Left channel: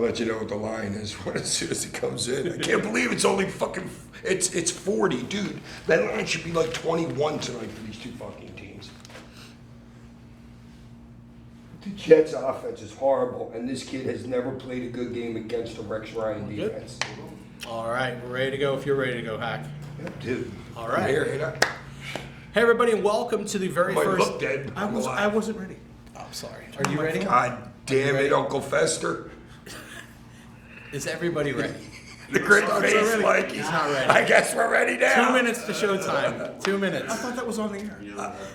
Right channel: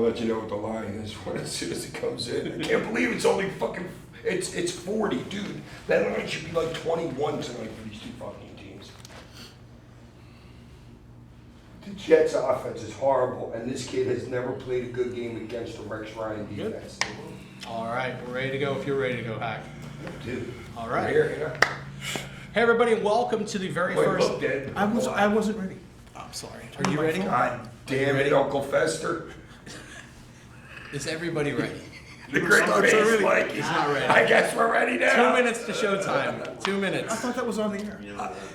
I'll let you know what the line is as soon as it comes in. I can't believe it's only fucking. It's 40, dude. That line should be like 21 tonight for these two fucking teams. The Jets' offense is horrible, and this kid has never played a good game against the Rex Ryan defense. All right, we're ready to go. If you're ready to go, Hack. Dude. All right. I'm here, you know? Hey everybody, and welcome to the very first. Look dead. I wasn't ready. Oh, sorry. Are you ready? God damn it, Uncle Fester. Is everybody ready? The great face, Mikey. He's not ready. I guess we're ready now. 2 minutes to showtime. 2 minutes. I thought that was on the air.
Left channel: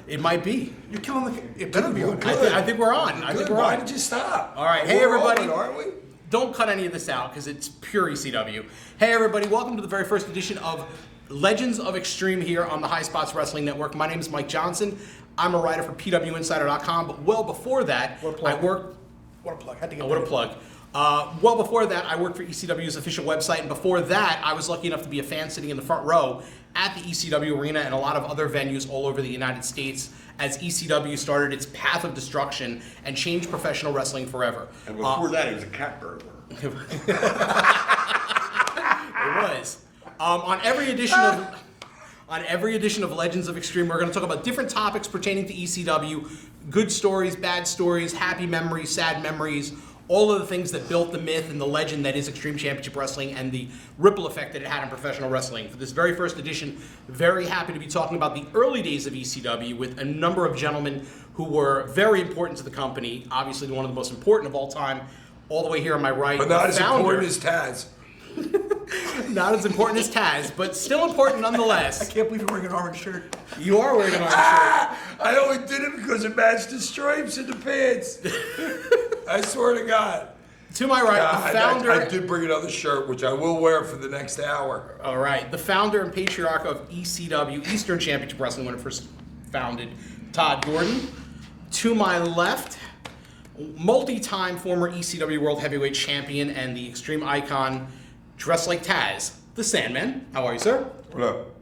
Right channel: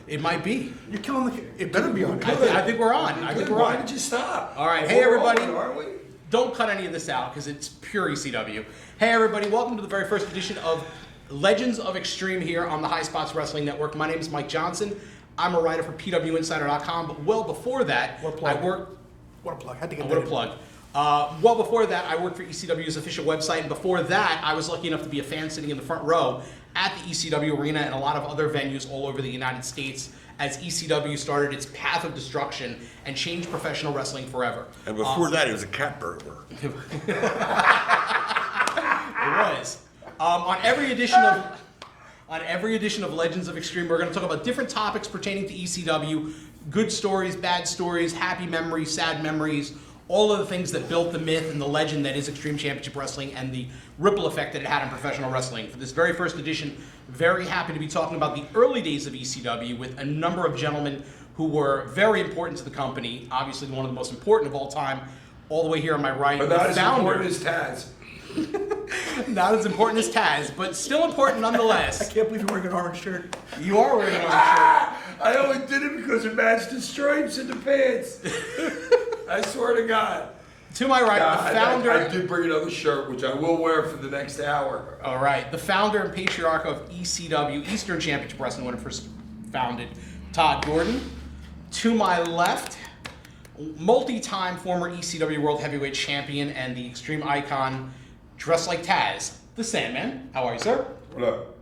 It might be. You're killing the. It better be on. I think we're on. I think we're Why on. did you stop? All right. Hey We're everybody. rolling, aren't we? Don't cut any of this out because it's pure ECW. Hey everybody, welcome to the very first edition of Legends of Extreme here on the High Spots Wrestling Network. My name is Mike Johnson. I'm a writer for PWInsider.com, but well before that, I worked. What a plug. Had to get What a that in. plug. Well before that, I worked for ECW's official website, and before that, I was lucky enough to be a fan sitting in the front row at the ECW arena and a lot of other venues all over the United States as ECW started its path of destruction and changed professional wrestling forever. And before that, it was a cat burglar. It was. On every edition of Legends of Extreme, we're going to talk about different topics pertaining to ECW, good stories, bad stories, happy memories, sad memories, all of the things that built the myth and the legend that is Extreme Championship Wrestling and the ripple effect that it had in professional wrestling. For this very first edition, very happy to be talking about the early days of ECW with a number of gentlemen who were very important to the company, obviously one of the most important of all time, all the way here on my right. But not as founder. important as Taz. Not as important as Taz, but still important I nonetheless. can't believe you're wearing an orange shirt. You are wearing an orange shirt. I only did it because it matched the stripes in the pants. I swear to God. To my right, the founder. I did bring another shirt, which I will wear for the next hour. All right, the founder and patriarch of ECW, Eastern Championship Wrestling, when it first founded, Todd Gordon. To my left, multi-time former ECW World Heavyweight Champion and the Extreme Icon, dressed like Taz, the Sandman. How are you, sir? What up?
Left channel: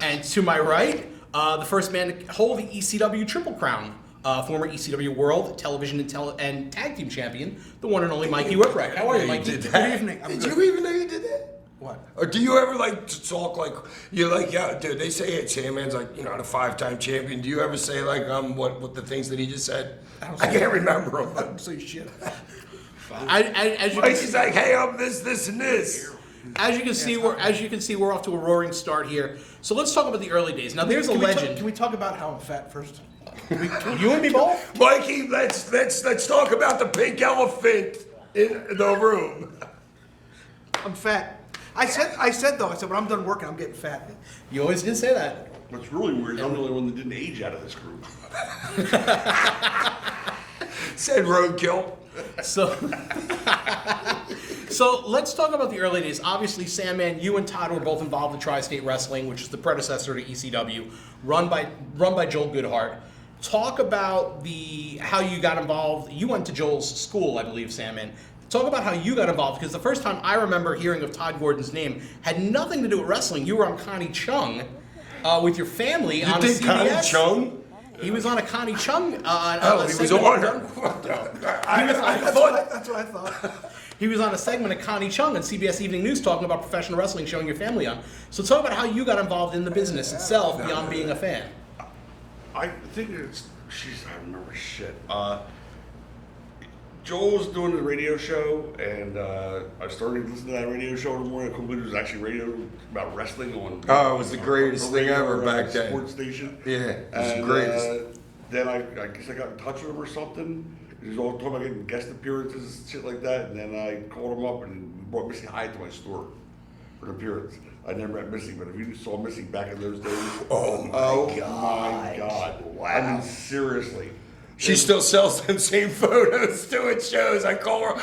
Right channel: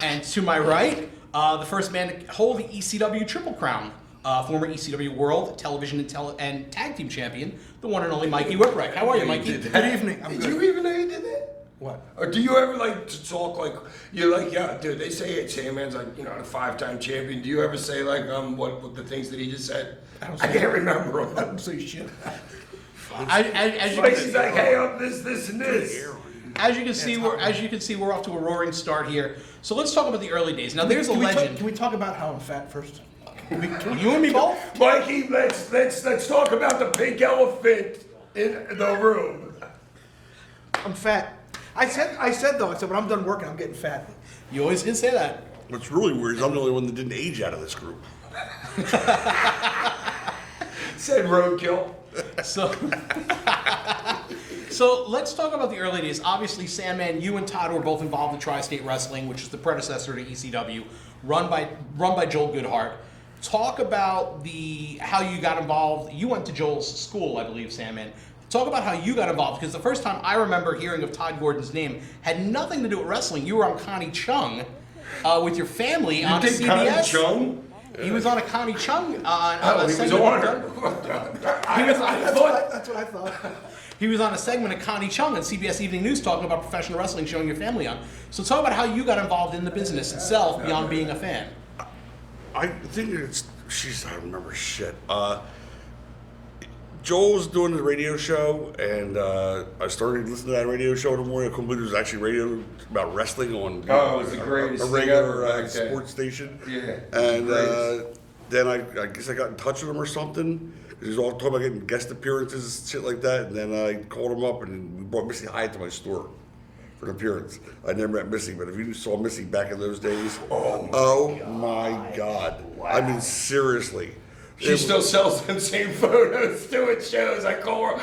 And to my right, the first man to hold the ECW Triple Crown, former ECW World Television and Tag Team Champion, the one and only Mikey Whipwreck. How are you, Mikey? Good evening. Did you even know you did that? What? Or do you ever like to talk like you're like, yeah, dude? They say it. Sandman's like, the 5-time champion. Do you ever say like what the things that he just said? I can't remember I them. don't say shit. As you Like can he's like, hey, I'm this, and this. As you can see, we're off to a roaring start here. So let's talk about the early days. Now, there's a legend. Can we talk about how I'm fat first? You and me both. Mikey, let's talk about the pink elephant in the room. I'm fat. I said though, when I'm done working, I'm getting fat. You always did say that. What's really weird is I'm the only one that didn't age out of this group. Said roadkill. So, so let's talk about the early days. Obviously, Sandman, you and Todd were both involved in Tri-State Wrestling, which is the predecessor to ECW, run by Joel Goodhart. Talk about how you got involved. You went to Joel's school, I believe, Sandman. Talk about how you got involved, because the first time I remember hearing of Todd Gordon's name had nothing to do with wrestling. You were on Connie Chung with your family on did CBS. Connie Chung? He was on a Connie Chung. He was on her. That's what I thought. He was on a segment of Connie Chung on CBS Evening News talking about professional wrestling, showing your family on. So talk about how you got involved in the business itself beyond being a fan. I think I remember shit. Joel was doing the radio show, and I started listening to that radio show in the morning. I couldn't believe it was actually radio about wrestling on. Oh, it was the greatest thing ever back then. Sports station. Yeah, it was the And greatest. then I guess I got in touch with him or something. He was all talking about getting guest appearances and shit like that. And then I called him up, and we brought Missy Hyatt to my store for an appearance. I never met Missy, but if you saw Missy back in those days, Oh my God. Wow. I mean, seriously. She still sells them same photos too at shows. I call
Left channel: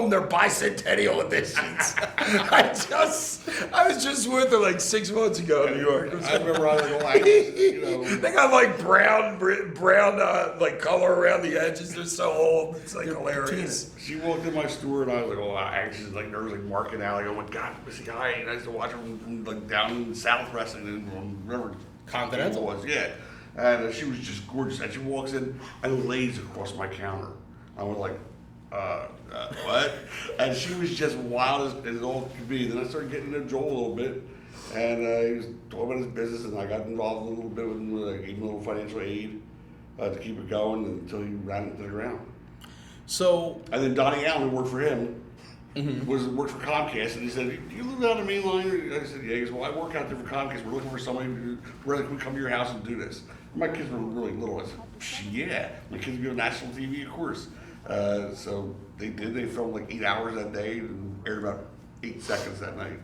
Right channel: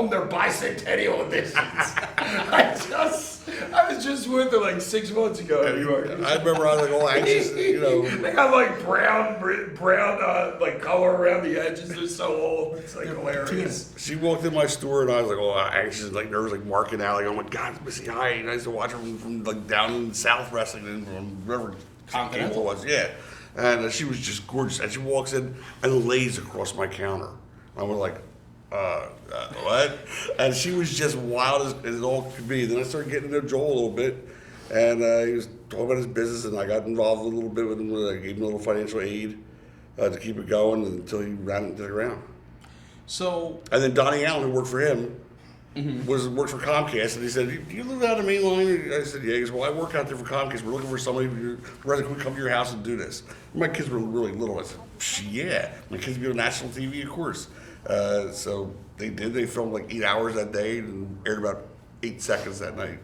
them their bicentennial editions. I was just with her like 6 months ago in New York. I remember I was all anxious, They got like brown like color around the edges. They're so old. It's like hilarious. She walked in my store and I was like, oh, anxious, like nervous, like marking out. Like, oh my God, it's Missy Hyatt. And I used to watch her from like down in the South wrestling and wherever Continental was, yeah. And she was just gorgeous. And she walks in and lays across my counter. I was like, what? And she was just wild as it all could be. Then I started getting to know Joel a little bit, and he was talking about his business, and I got involved a little bit with him. I gave him a little financial aid to keep it going until he ran into the ground. So, and then Donnie Allen, who worked for him, worked for Comcast, and he said, "Do you live out on the main line?" I said, "Yeah." He goes, "Well, I work out there for Comcast. We're looking for somebody who rather can we come to your house and do this." My kids were really little. I said, "Yeah, my kids be on national TV, of course." So they did. They filmed like 8 hours that day and aired about 8 seconds that night.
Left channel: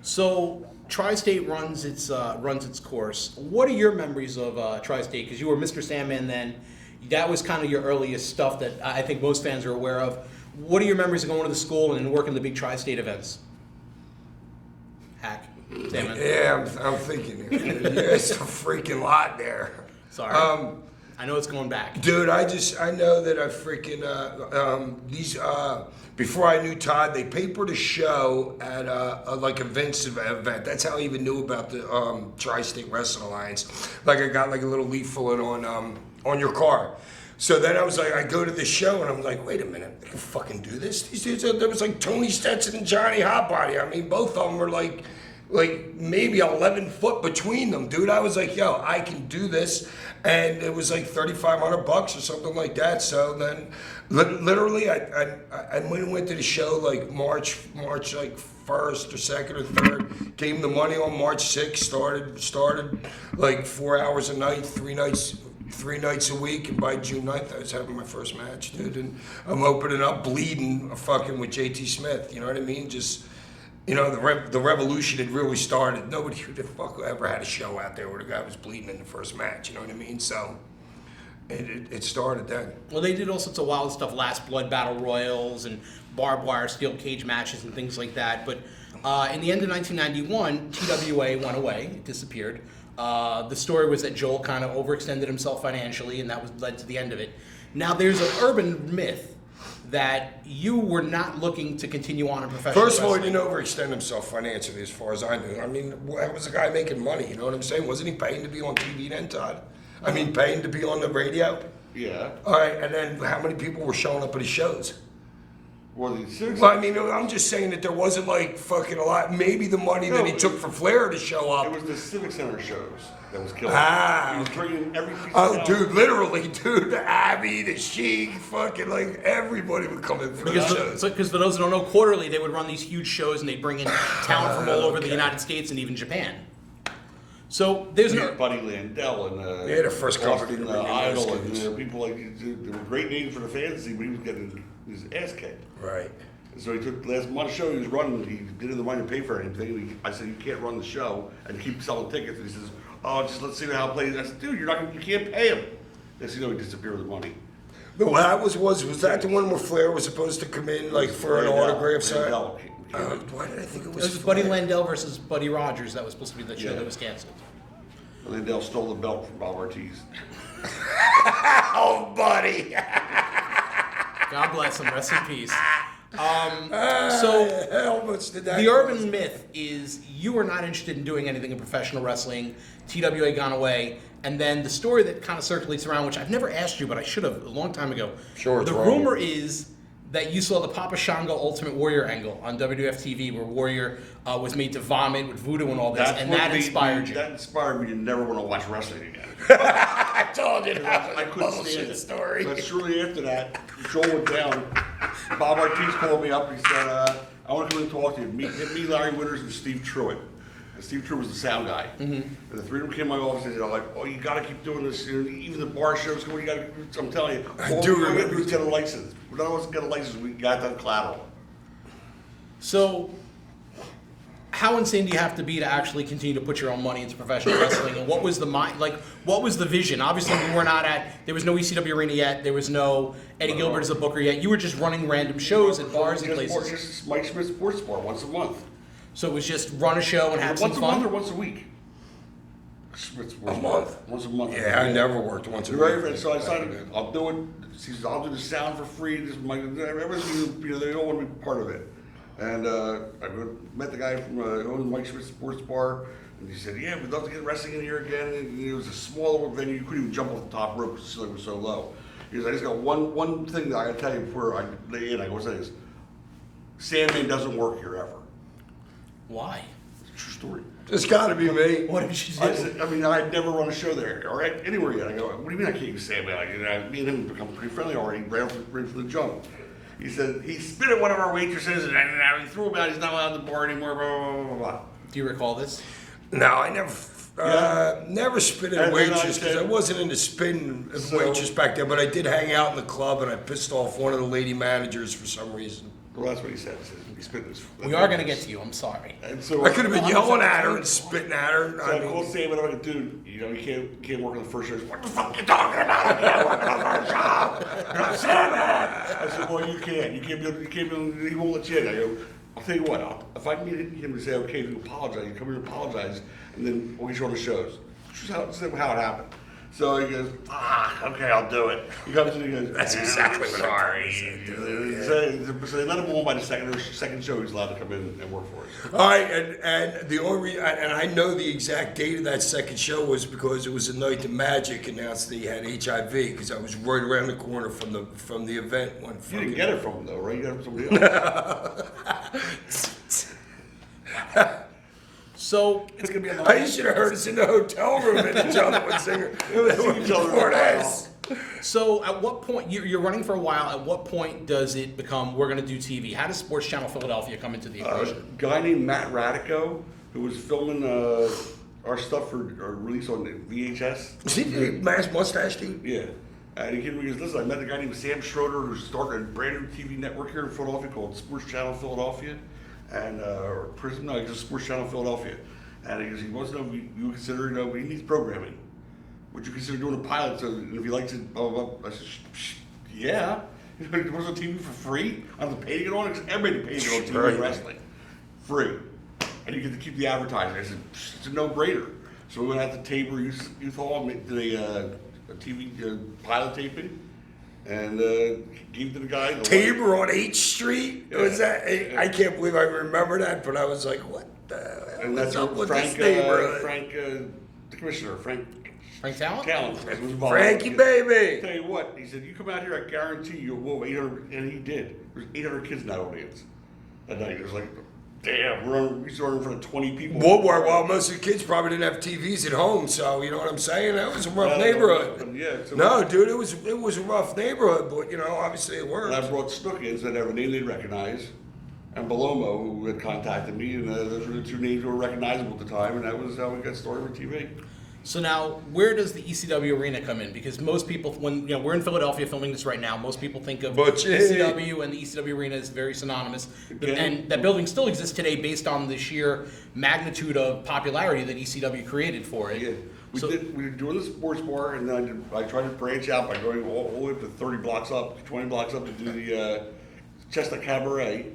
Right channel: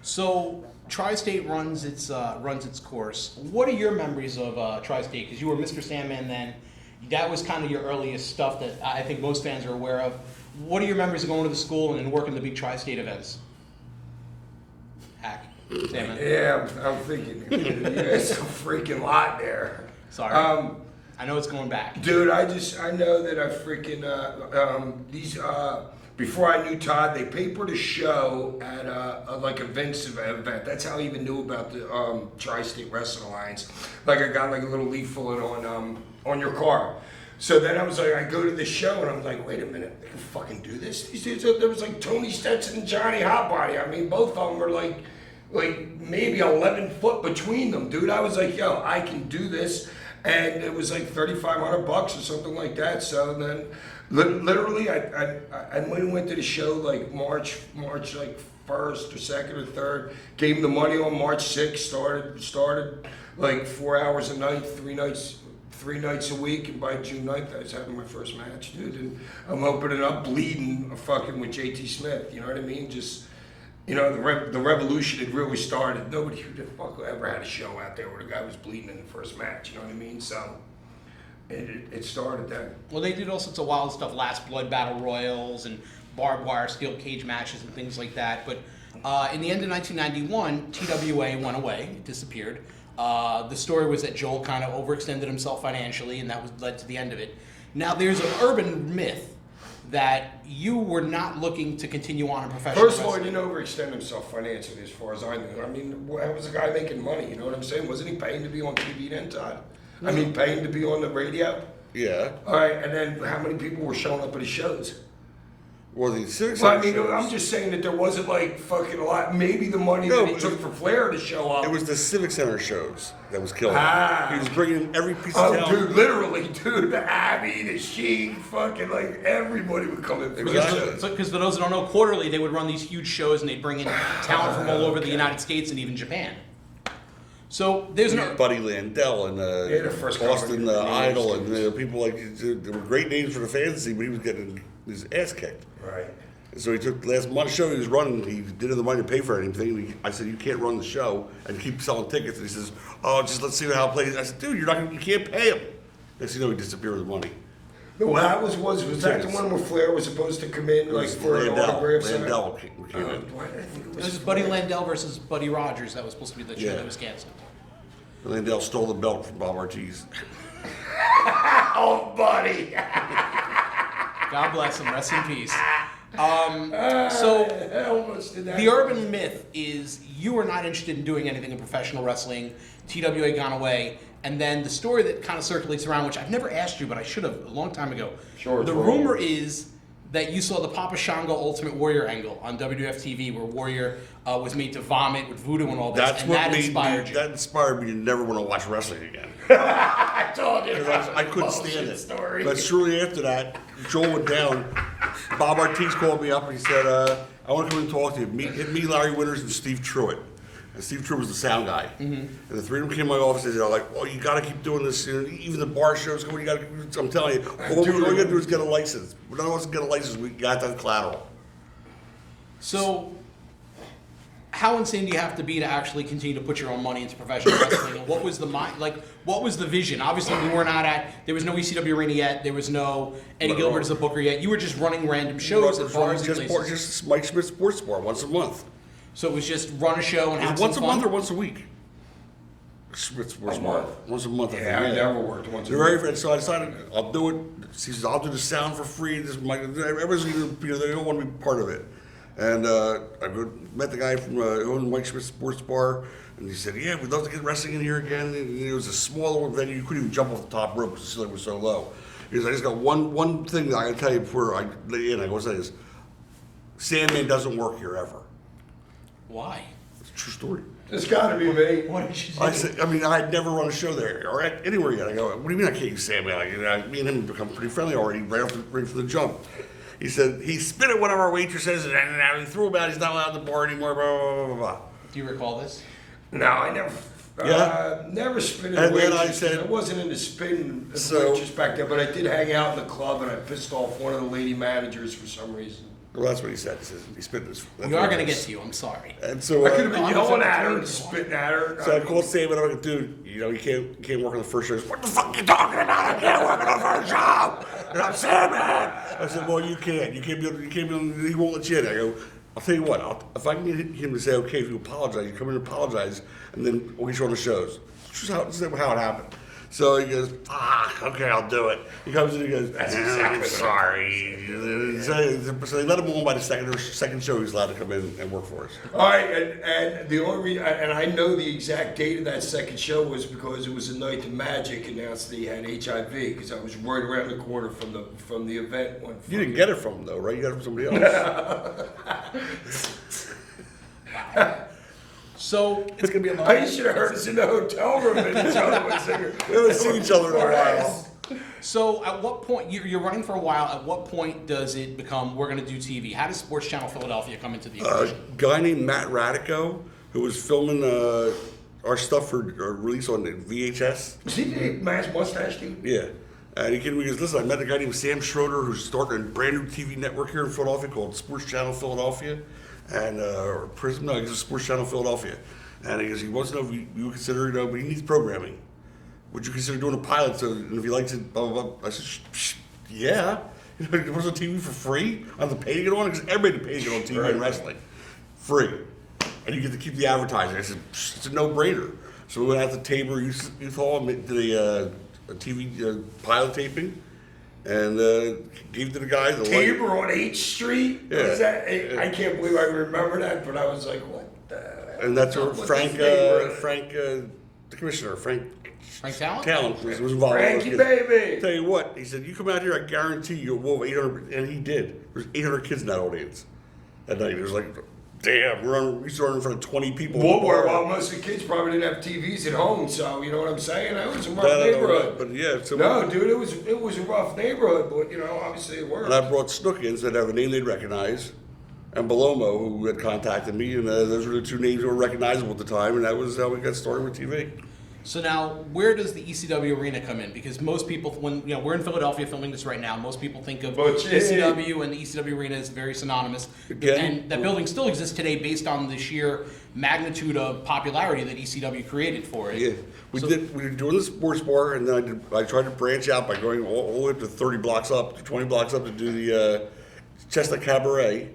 So Tri-State runs its course. What are your memories of Tri-State? Because you were Mr. Sandman then. That was kind of your earliest stuff that I think most fans are aware of. What are your memories of going to the school and working the big Tri-State events? Hack. Sandman. Yeah, I'm thinking. There's a freaking lot there. Sorry. I know it's going back. Dude, I know that I freaking, before I knew Todd, they papered a show at like a Vince event. That's how I even knew about the Tri-State Wrestling Alliance. Like I got like a little leaflet on your car. So then I was like, I go to the show and I'm like, wait a minute, they can fucking do this? These dudes, there was like Tony Stetson and Johnny Hotbody. I mean, both of them were like maybe 11 foot between them, dude. I was like, yo, I can do this. And it was like $3,500 or something like that. So then, literally, I went to the show like March like 1st or 2nd or 3rd. Gave him the money on March 6th. Started like 4 hours a night, 3 nights a week. And by June 9th, I was having my first match, dude. And I'm opening up, bleeding, fucking with JT Smith. You know what I mean? Just. You know, the revolution had really started. Nobody who the fuck ever had a show out there where the guy was bleeding in the first match. You know what I mean? So it started then. Well, they did all sorts of wild stuff, Last Blood Battle Royals and barbed wire steel cage matches and things like that. But in the end of 1991, TWA went away. It disappeared. The story was that Joel kind of overextended himself financially, and that led to the end of it. Now, there's an urban myth that you were not looking to continue on in professional First of all, he wrestling. didn't overextend himself financially, as far as I knew. I mean, how was the guy making money? You know what I'm saying? Wasn't he paying to be on TV then, Todd? I mean, paying to be on the radio? Yeah. All right, and then how many people were showing up at his shows? Well, the Civic Well, I Center mean, shows- I'm just saying that there wasn't like fucking a lot. Maybe the money that he took from Flair to show up. It was the Civic Center shows that was killing. Ah. He was bringing every piece Oh, of dude, literally, dude, the Abby, the Sheik, fucking like everybody would come in there. Because for those that don't know, quarterly they would run these huge shows and they'd bring in talent from all over the United States and even Japan. So there's no. Buddy Landell and Yeah, the first Austin couple of Idol years. and people like there were great names for the fantasy, but he was getting his ass kicked. Right. So he took the last month show he was running. He didn't have the money to pay for anything. And I said, "You can't run the show and keep selling tickets." And he says, "Oh, just let's see how it plays." I said, "Dude, you can't pay him." Next thing you know, he disappeared with money. Well, that was that the one where Flair was supposed to come in like for an autograph sign? Landell came Why did I think it It was was Buddy Landell versus Buddy Rogers. That was supposed to be the show Yeah. that was canceled. in. Landell stole the belt from Bob Ortiz. Oh, buddy. God bless him. Rest in peace. So I almost did that. the urban myth is you were not interested in doing anything in professional wrestling. TWA gone away. And then the story that kind of circulates around, which I've never asked you, but I should have a long time ago. Sure, it's the wrong. rumor is that you saw the Papa Shango Ultimate Warrior angle on WWF TV, where Warrior was made to vomit with voodoo and all this, and what that made inspired me, you. That inspired me to never want to watch wrestling again. I told you that was I a couldn't bullshit stand it. story. But shortly after that, Joel went down. Bob Ortiz called me up and he said, "I want to come in and talk to you. Meet me, Larry Winters, and Steve Truitt." And Steve Truitt was the sound guy. And the three of them came to my office and they're like, "Oh, you got to keep doing this. Even the bar shows, you got to." I'm telling you, all we're going to do is get a license. None of us get a license. We got that collateral. So, how insane do you have to be to actually continue to put your own money into professional wrestling? And what was the mind? Like, what was the vision? Obviously, we were not at. There was no ECW arena yet. There was no Eddie Gilbert as a booker yet. You were just running random shows at bars and places. Just Mike Smith Sports Bar once a month. So it was just run a show and have some Once a fun. month or once a week? Smith Sports A Bar. month? Once a month. Yeah, I never worked once a Very, week. very, so I decided I'll do it. He says, "I'll do the sound for free." And everyone's, they don't want to be part of it. And I met the guy from owned Mike Smith Sports Bar, and he said, "Yeah, we'd love to get wrestling in here again." And it was a small venue; you couldn't even jump off the top rope because the ceiling was so low. Because I just got one thing that I gotta tell you before I gotta say this. Sandman doesn't work here ever. Why? It's a true story. It's gotta be me. What did she say? I'd never run a show there or anywhere yet. I go, what do you mean I can't use Sandman? Me and him become pretty friendly already right from the jump. He said he spit at one of our waitresses and he threw him out. He's not allowed on the board anymore. Blah, blah, blah, blah. Do you recall this? No, I never spit at And then I waitresses. said- I wasn't into spitting at So- waitress back then, but I did hang out in the club and I pissed off one of the lady managers for some reason. Well, that's what he said. He said he spit this. We are going to get to you. I'm sorry. And so I could have been I'm yelling sorry. at her and spitting at her. So I called Sam and I'm like, dude, you know, you can't work on the first show. He's like, what the fuck you talking about? I can't work on the first show. You're not Sandman. I said, well, you can't. You can't be on, he won't let you in. I go, I'll tell you what, if I can get him to say, okay, if you apologize, you come in and apologize, and then we'll get you on the shows. This is how it happened. So he goes, okay, I'll do it. He comes in and he goes, That's exactly what sorry. So they let him on by the second show. He's allowed to come in and work for us. All right, and the only and I know the exact date of that second show was because it was the night the Magic announced that he had HIV because I was right around the corner from the event. When You didn't get it from him though, right? You got it from somebody else. So, It's gonna be a I should have heard us in the hotel room and each other would see each other before now. so at what point, you're running for a while, at what point does it become, we're going to do TV? How does Sports Channel Philadelphia come into the A equation? guy named Matt Radico, who was filming our stuff for release on the VHS. Was he the mass mustache dude? Yeah. And he came to me and goes, listen, I met a guy named Sam Schroeder who's starting a brand new TV network here in Philadelphia called Sports Channel Philadelphia. And, or Prism, no, he's just Sports Channel Philadelphia. And he goes, he wants to know if you consider, but he needs programming. Would you consider doing a pilot? So if he likes it, blah, blah, blah. I said, yeah. It was on TV for free. I have to pay to get on it because everybody pays to get on TV Right. and wrestling. Free. And you get to keep the advertising. I said, it's a no-brainer. So we went out to Tabor Youth Hall and did a TV pilot taping. And gave it to the guy. Tabor on 8th Street? Yeah. Was that? I can't believe I remember that, but I was like, what the? And that's what's where up with Frank, this neighborhood? the commissioner, Frank Talent? was involved. Frankie, baby. Tell you what, he said, you come out here, I guarantee you will 800, and he did. There's 800 kids in that audience that night. It was like, damn, we started in front of 20 people. Well, most of the kids probably didn't have TVs at home, so you know what I'm saying? That was a rough neighborhood. But yeah, so No, dude, it was a rough neighborhood, but you know, obviously it worked. And I brought Snook in, so they'd have a name they'd recognize, and Belomo, who had contacted me, and those were the two names that were recognizable at the time, and that was how we got started with TV. So now, where does the ECW arena come in? Because most people, when we're in Philadelphia filming this right now, most people think of Butch. ECW and the ECW arena is very synonymous. Yeah. And that building still exists today based on the sheer magnitude of popularity that ECW created for it. Yeah, we were doing the sports bar, and then I tried to branch out by going all the way up to 30 blocks up, 20 blocks up to do the Chestnut Cabaret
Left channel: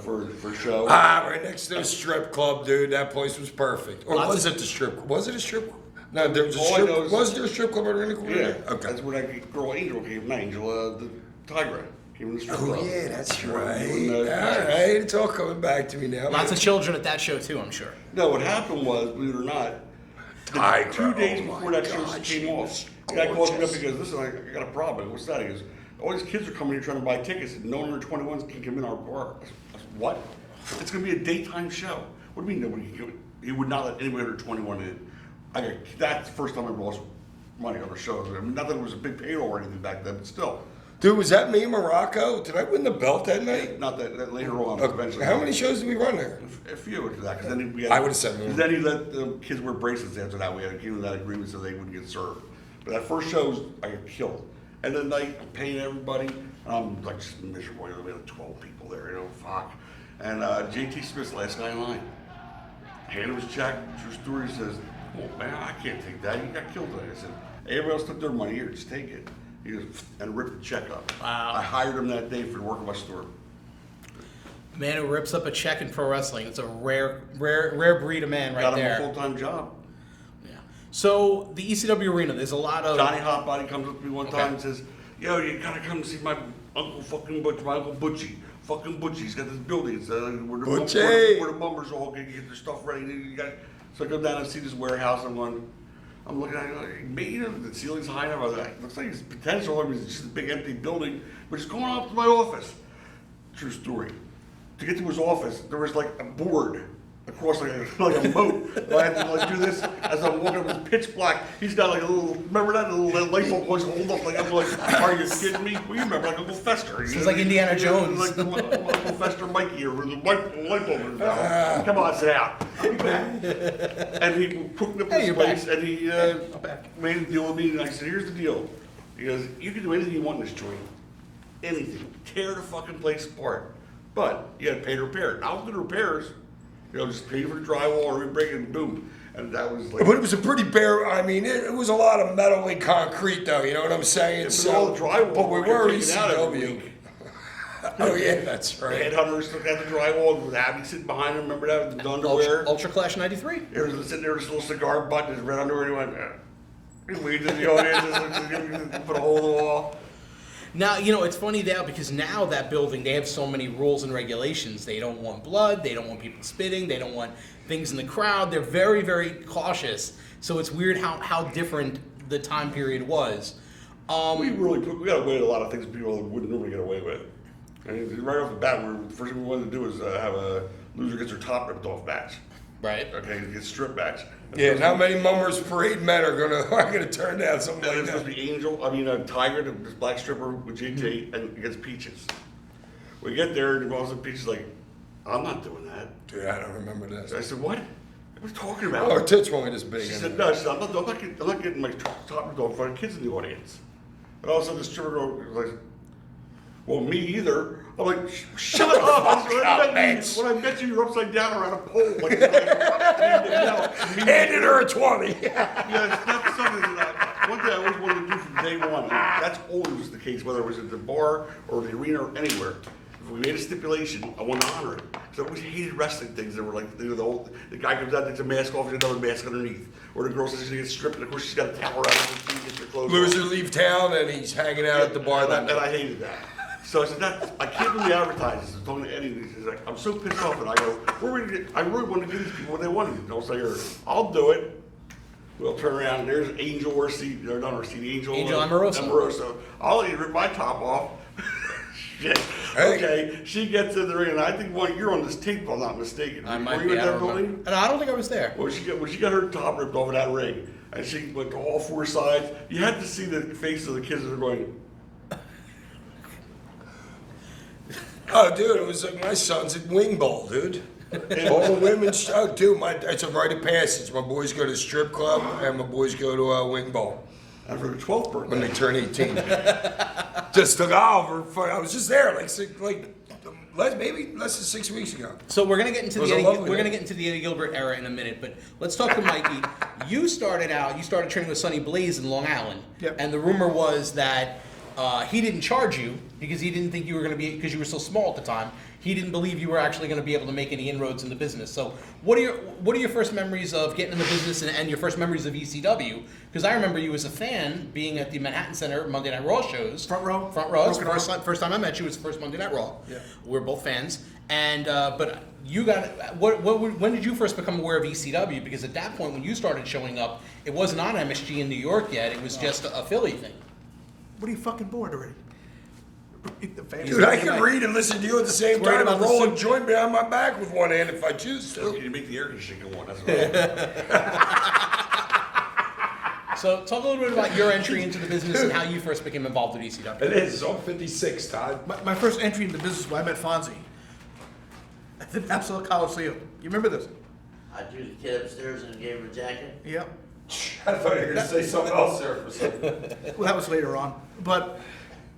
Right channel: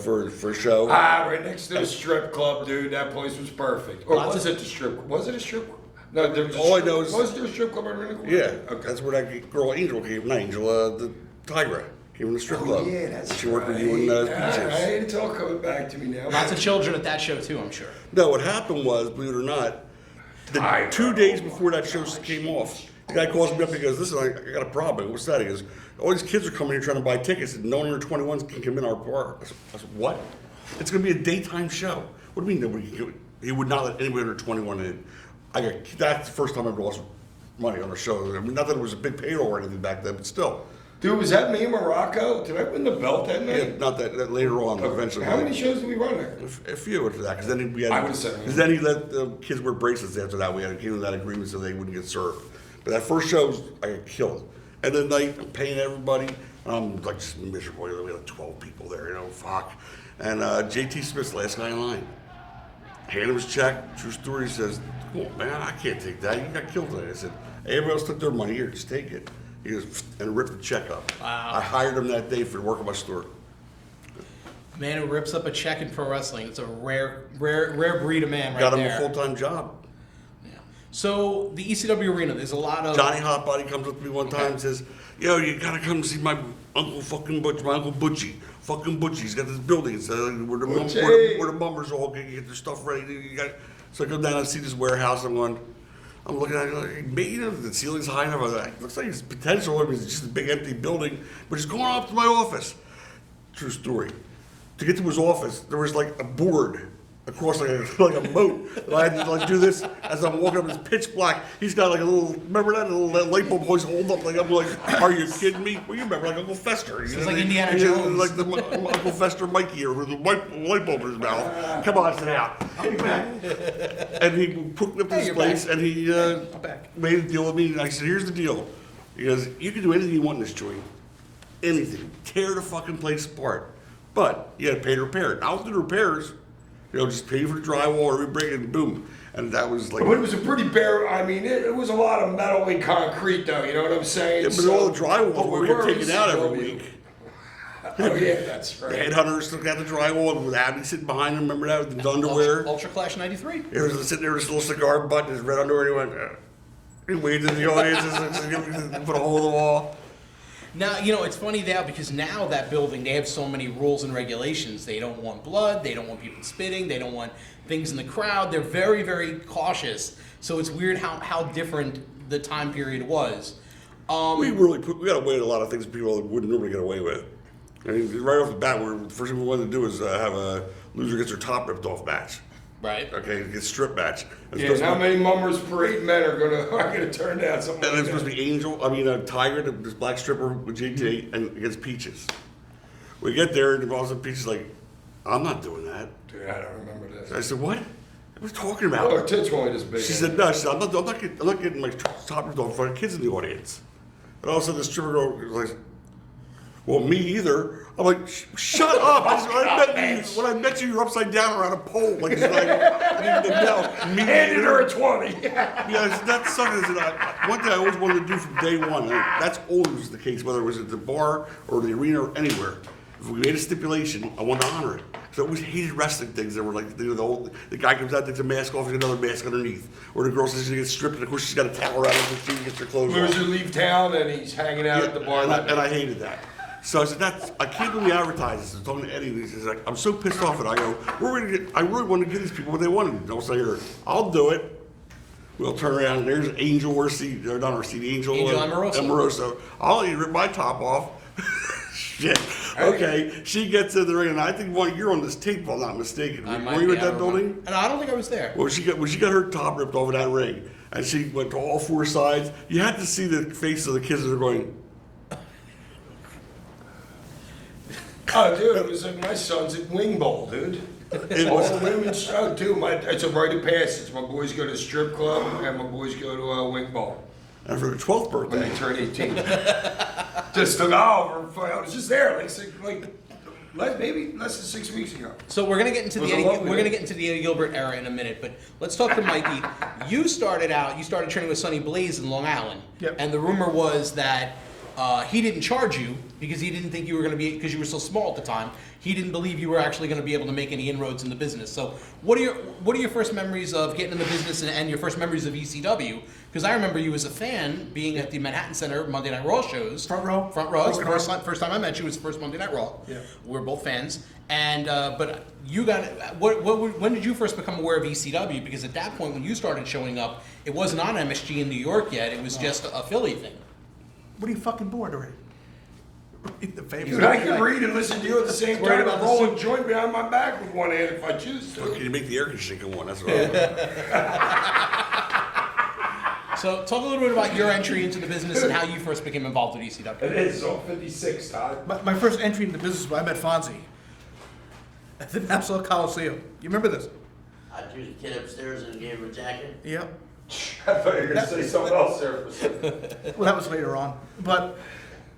for a show. Right next to the strip club, dude. That place was perfect. Or was it the strip club? Was it a strip club? No, there was a All I strip know club. is- Was there a strip club in the corner? Yeah, Okay. that's where that girl Angel came. Not Angel, the Tigra came in the strip Oh, club. yeah, that's She worked right. with you in, All right, it's all coming back to me now. Lots of children at that show too, I'm sure. No, what happened was, believe it or not, Tigra, 2 days oh before my that show God, came she off, was the guy calls me up gorgeous. and goes, listen, I got a problem. I go, what's that? He goes, all these kids are coming here trying to buy tickets, and no one under 21 can come in our bar. I said, what? It's going to be a daytime show. What do you mean nobody can do it? He would not let anybody under 21 in. That's the first time I ever lost money on a show. I mean, not that it was a big payroll or anything back then, but still. Dude, was that me in Morocco? Did I win the belt that night? Not that later on, eventually. How many shows did we run there? A few after that, because then we had. I would've said that. Because then he let the kids wear bracelets after that. We had came to that agreement so they wouldn't get served. But that first show, I got killed. And then I'm paying everybody. And I'm like just miserable. We had 12 people there, you know, fuck. And JT Smith's last guy in line. Handed him his check. True story. He says, "Oh man, I can't take that. You got killed today." I said, "Everybody else took their money. Here, just take it." He goes and ripped the check up. Wow. I hired him that day for the work of my store. Man who rips up a check in pro wrestling. It's a rare breed of man right Got him there. a full-time job. Yeah. So the ECW arena, there's a lot of Johnny Hotbody comes up to me one time and says, "Yo, you gotta come see my uncle fucking Butch, my uncle Butchie. Fucking Butchie. He's got this building. It's Butchie. where the mummers all get their stuff ready. So I go down and see this warehouse. I'm going, I'm looking at it like, maybe, you know, the ceiling's high enough. I was like, looks like it's potential. I mean, it's just a big empty building, but it's going up to my office. True story. To get to his office, there was like a board across like a moat. I had to like do this as I'm walking up. It's pitch black. He's got like a little, remember that little light bulb always hold up. Like I'm like, are you kidding me? Well, you remember like Uncle Fester. It's like Indiana Jones. Like the Uncle Fester Mikey or the light bulb in his mouth. Come on, sit down. And he hooked up this place and he made a deal with me. And I said, here's the deal. He goes, you can do anything you want in this joint. Anything. Tear the fucking place apart. But you had to pay to repair it. I was doing repairs. You know, just pay for the drywall or we break it and boom. And that was like. But it was a pretty bare. I mean, it was a lot of metal and concrete, though. You know what I'm saying? Yeah, but all the drywall but we were taken out every week. Oh yeah, that's The right. headhunters still got the drywall with Abby sitting behind him. Remember that with the underwear? Ultra Clash 93. He was sitting there with his little cigar butt and his red underwear. And he went. He waved at the audience and put a hole in the wall. Now, you know, it's funny now because now that building, they have so many rules and regulations. They don't want blood. They don't want people spitting. They don't want things in the crowd. They're very, very cautious. So it's weird how different the time period was. We got away with a lot of things people wouldn't normally get away with. I mean, right off the bat, the first thing we wanted to do was have a loser gets their top ripped off match. Right. Okay, get strip match. Yeah, and how many Mummers Parade men are gonna turn down something And like it's supposed that? to be Tiger, this black stripper with JT, and against Peaches. We get there, and all of a sudden Peaches is like, I'm not doing that. Dude, I don't remember this. I said, what? What are you talking about? Oh, her tits were only this big. She said, no, she said, I'm not getting my top ripped off in front of kids in the audience. And all of a sudden the stripper was like, well, me either. I'm like, shut up! I said, when I met you, you're upside down around a pole. Like, it's like I didn't know. Handed her a 20. Yeah, that's something that one thing I always wanted to do from day one. And that's always the case, whether it was at the bar or the arena or anywhere. If we made a stipulation, I want to honor it. Because I always hated wrestling things that were like, the guy comes out, takes a mask off, and another mask underneath. Or the girl says she gets stripped, and of course she's got a towel around her so she gets her clothes off. Loser leave town and he's hanging out at the bar. And I hated that. So I said, I can't believe advertises. I told Eddie, he's like, I'm so pissed off. And I go, I really want to give these people what they wanted. And I'll say, here, I'll do it. We'll turn around, and there's Angel, not Angel Amoroso. I'll even rip my top off. Shit. Okay, she gets in the ring, and I think, well, you're on this tape, if I'm not mistaken. I might Were you be. in I that don't building? remember. And I don't think I was there. Well, she got her top ripped off in that ring, and she went to all four sides. You had to see the face of the kids that are going, Oh, dude, it was like my son's at Wing Bowl, dude. All the women's show, dude. It's a rite of passage. My boys go to strip club, and my boys go to Wing Bowl and for their 12th birthday. when they turn 18. Just took off. I was just there, maybe less than 6 weeks ago. So we're gonna get into Was the it Eddie, lovely, we're gonna man? get into the Eddie Gilbert era in a minute, but let's talk to Mikey. You started training with Sonny Blaze in Long Island, Yep. and the rumor was that he didn't charge you because he didn't think you were going to be, because you were so small at the time. He didn't believe you were actually going to be able to make any inroads in the business. So what are your first memories of getting in the business and your first memories of ECW? Because I remember you as a fan being at the Manhattan Center Monday Night Raw shows. Front row. It's the first time I met you was the first Monday Night Raw. Yeah. We're both fans. And but you got when did you first become aware of ECW? Because at that point when you started showing up, it wasn't on MSG in New York yet. It was just a Philly thing. What are you fucking bored already? The family. Dude, I can read and listen to you at the same Worried time about and the roll soup. a joint behind my back with one hand if I choose So to. you make the air conditioning go on. That's what I So talk a little bit about your entry into the business and how you first became involved with ECW. It is on 56, Todd. My first entry into the business was I met Fonzie at the Absolute Coliseum. You remember this? I threw the kid upstairs and gave him a jacket. Yep. I thought you were going to say something else there for a second. Well, that was later on. But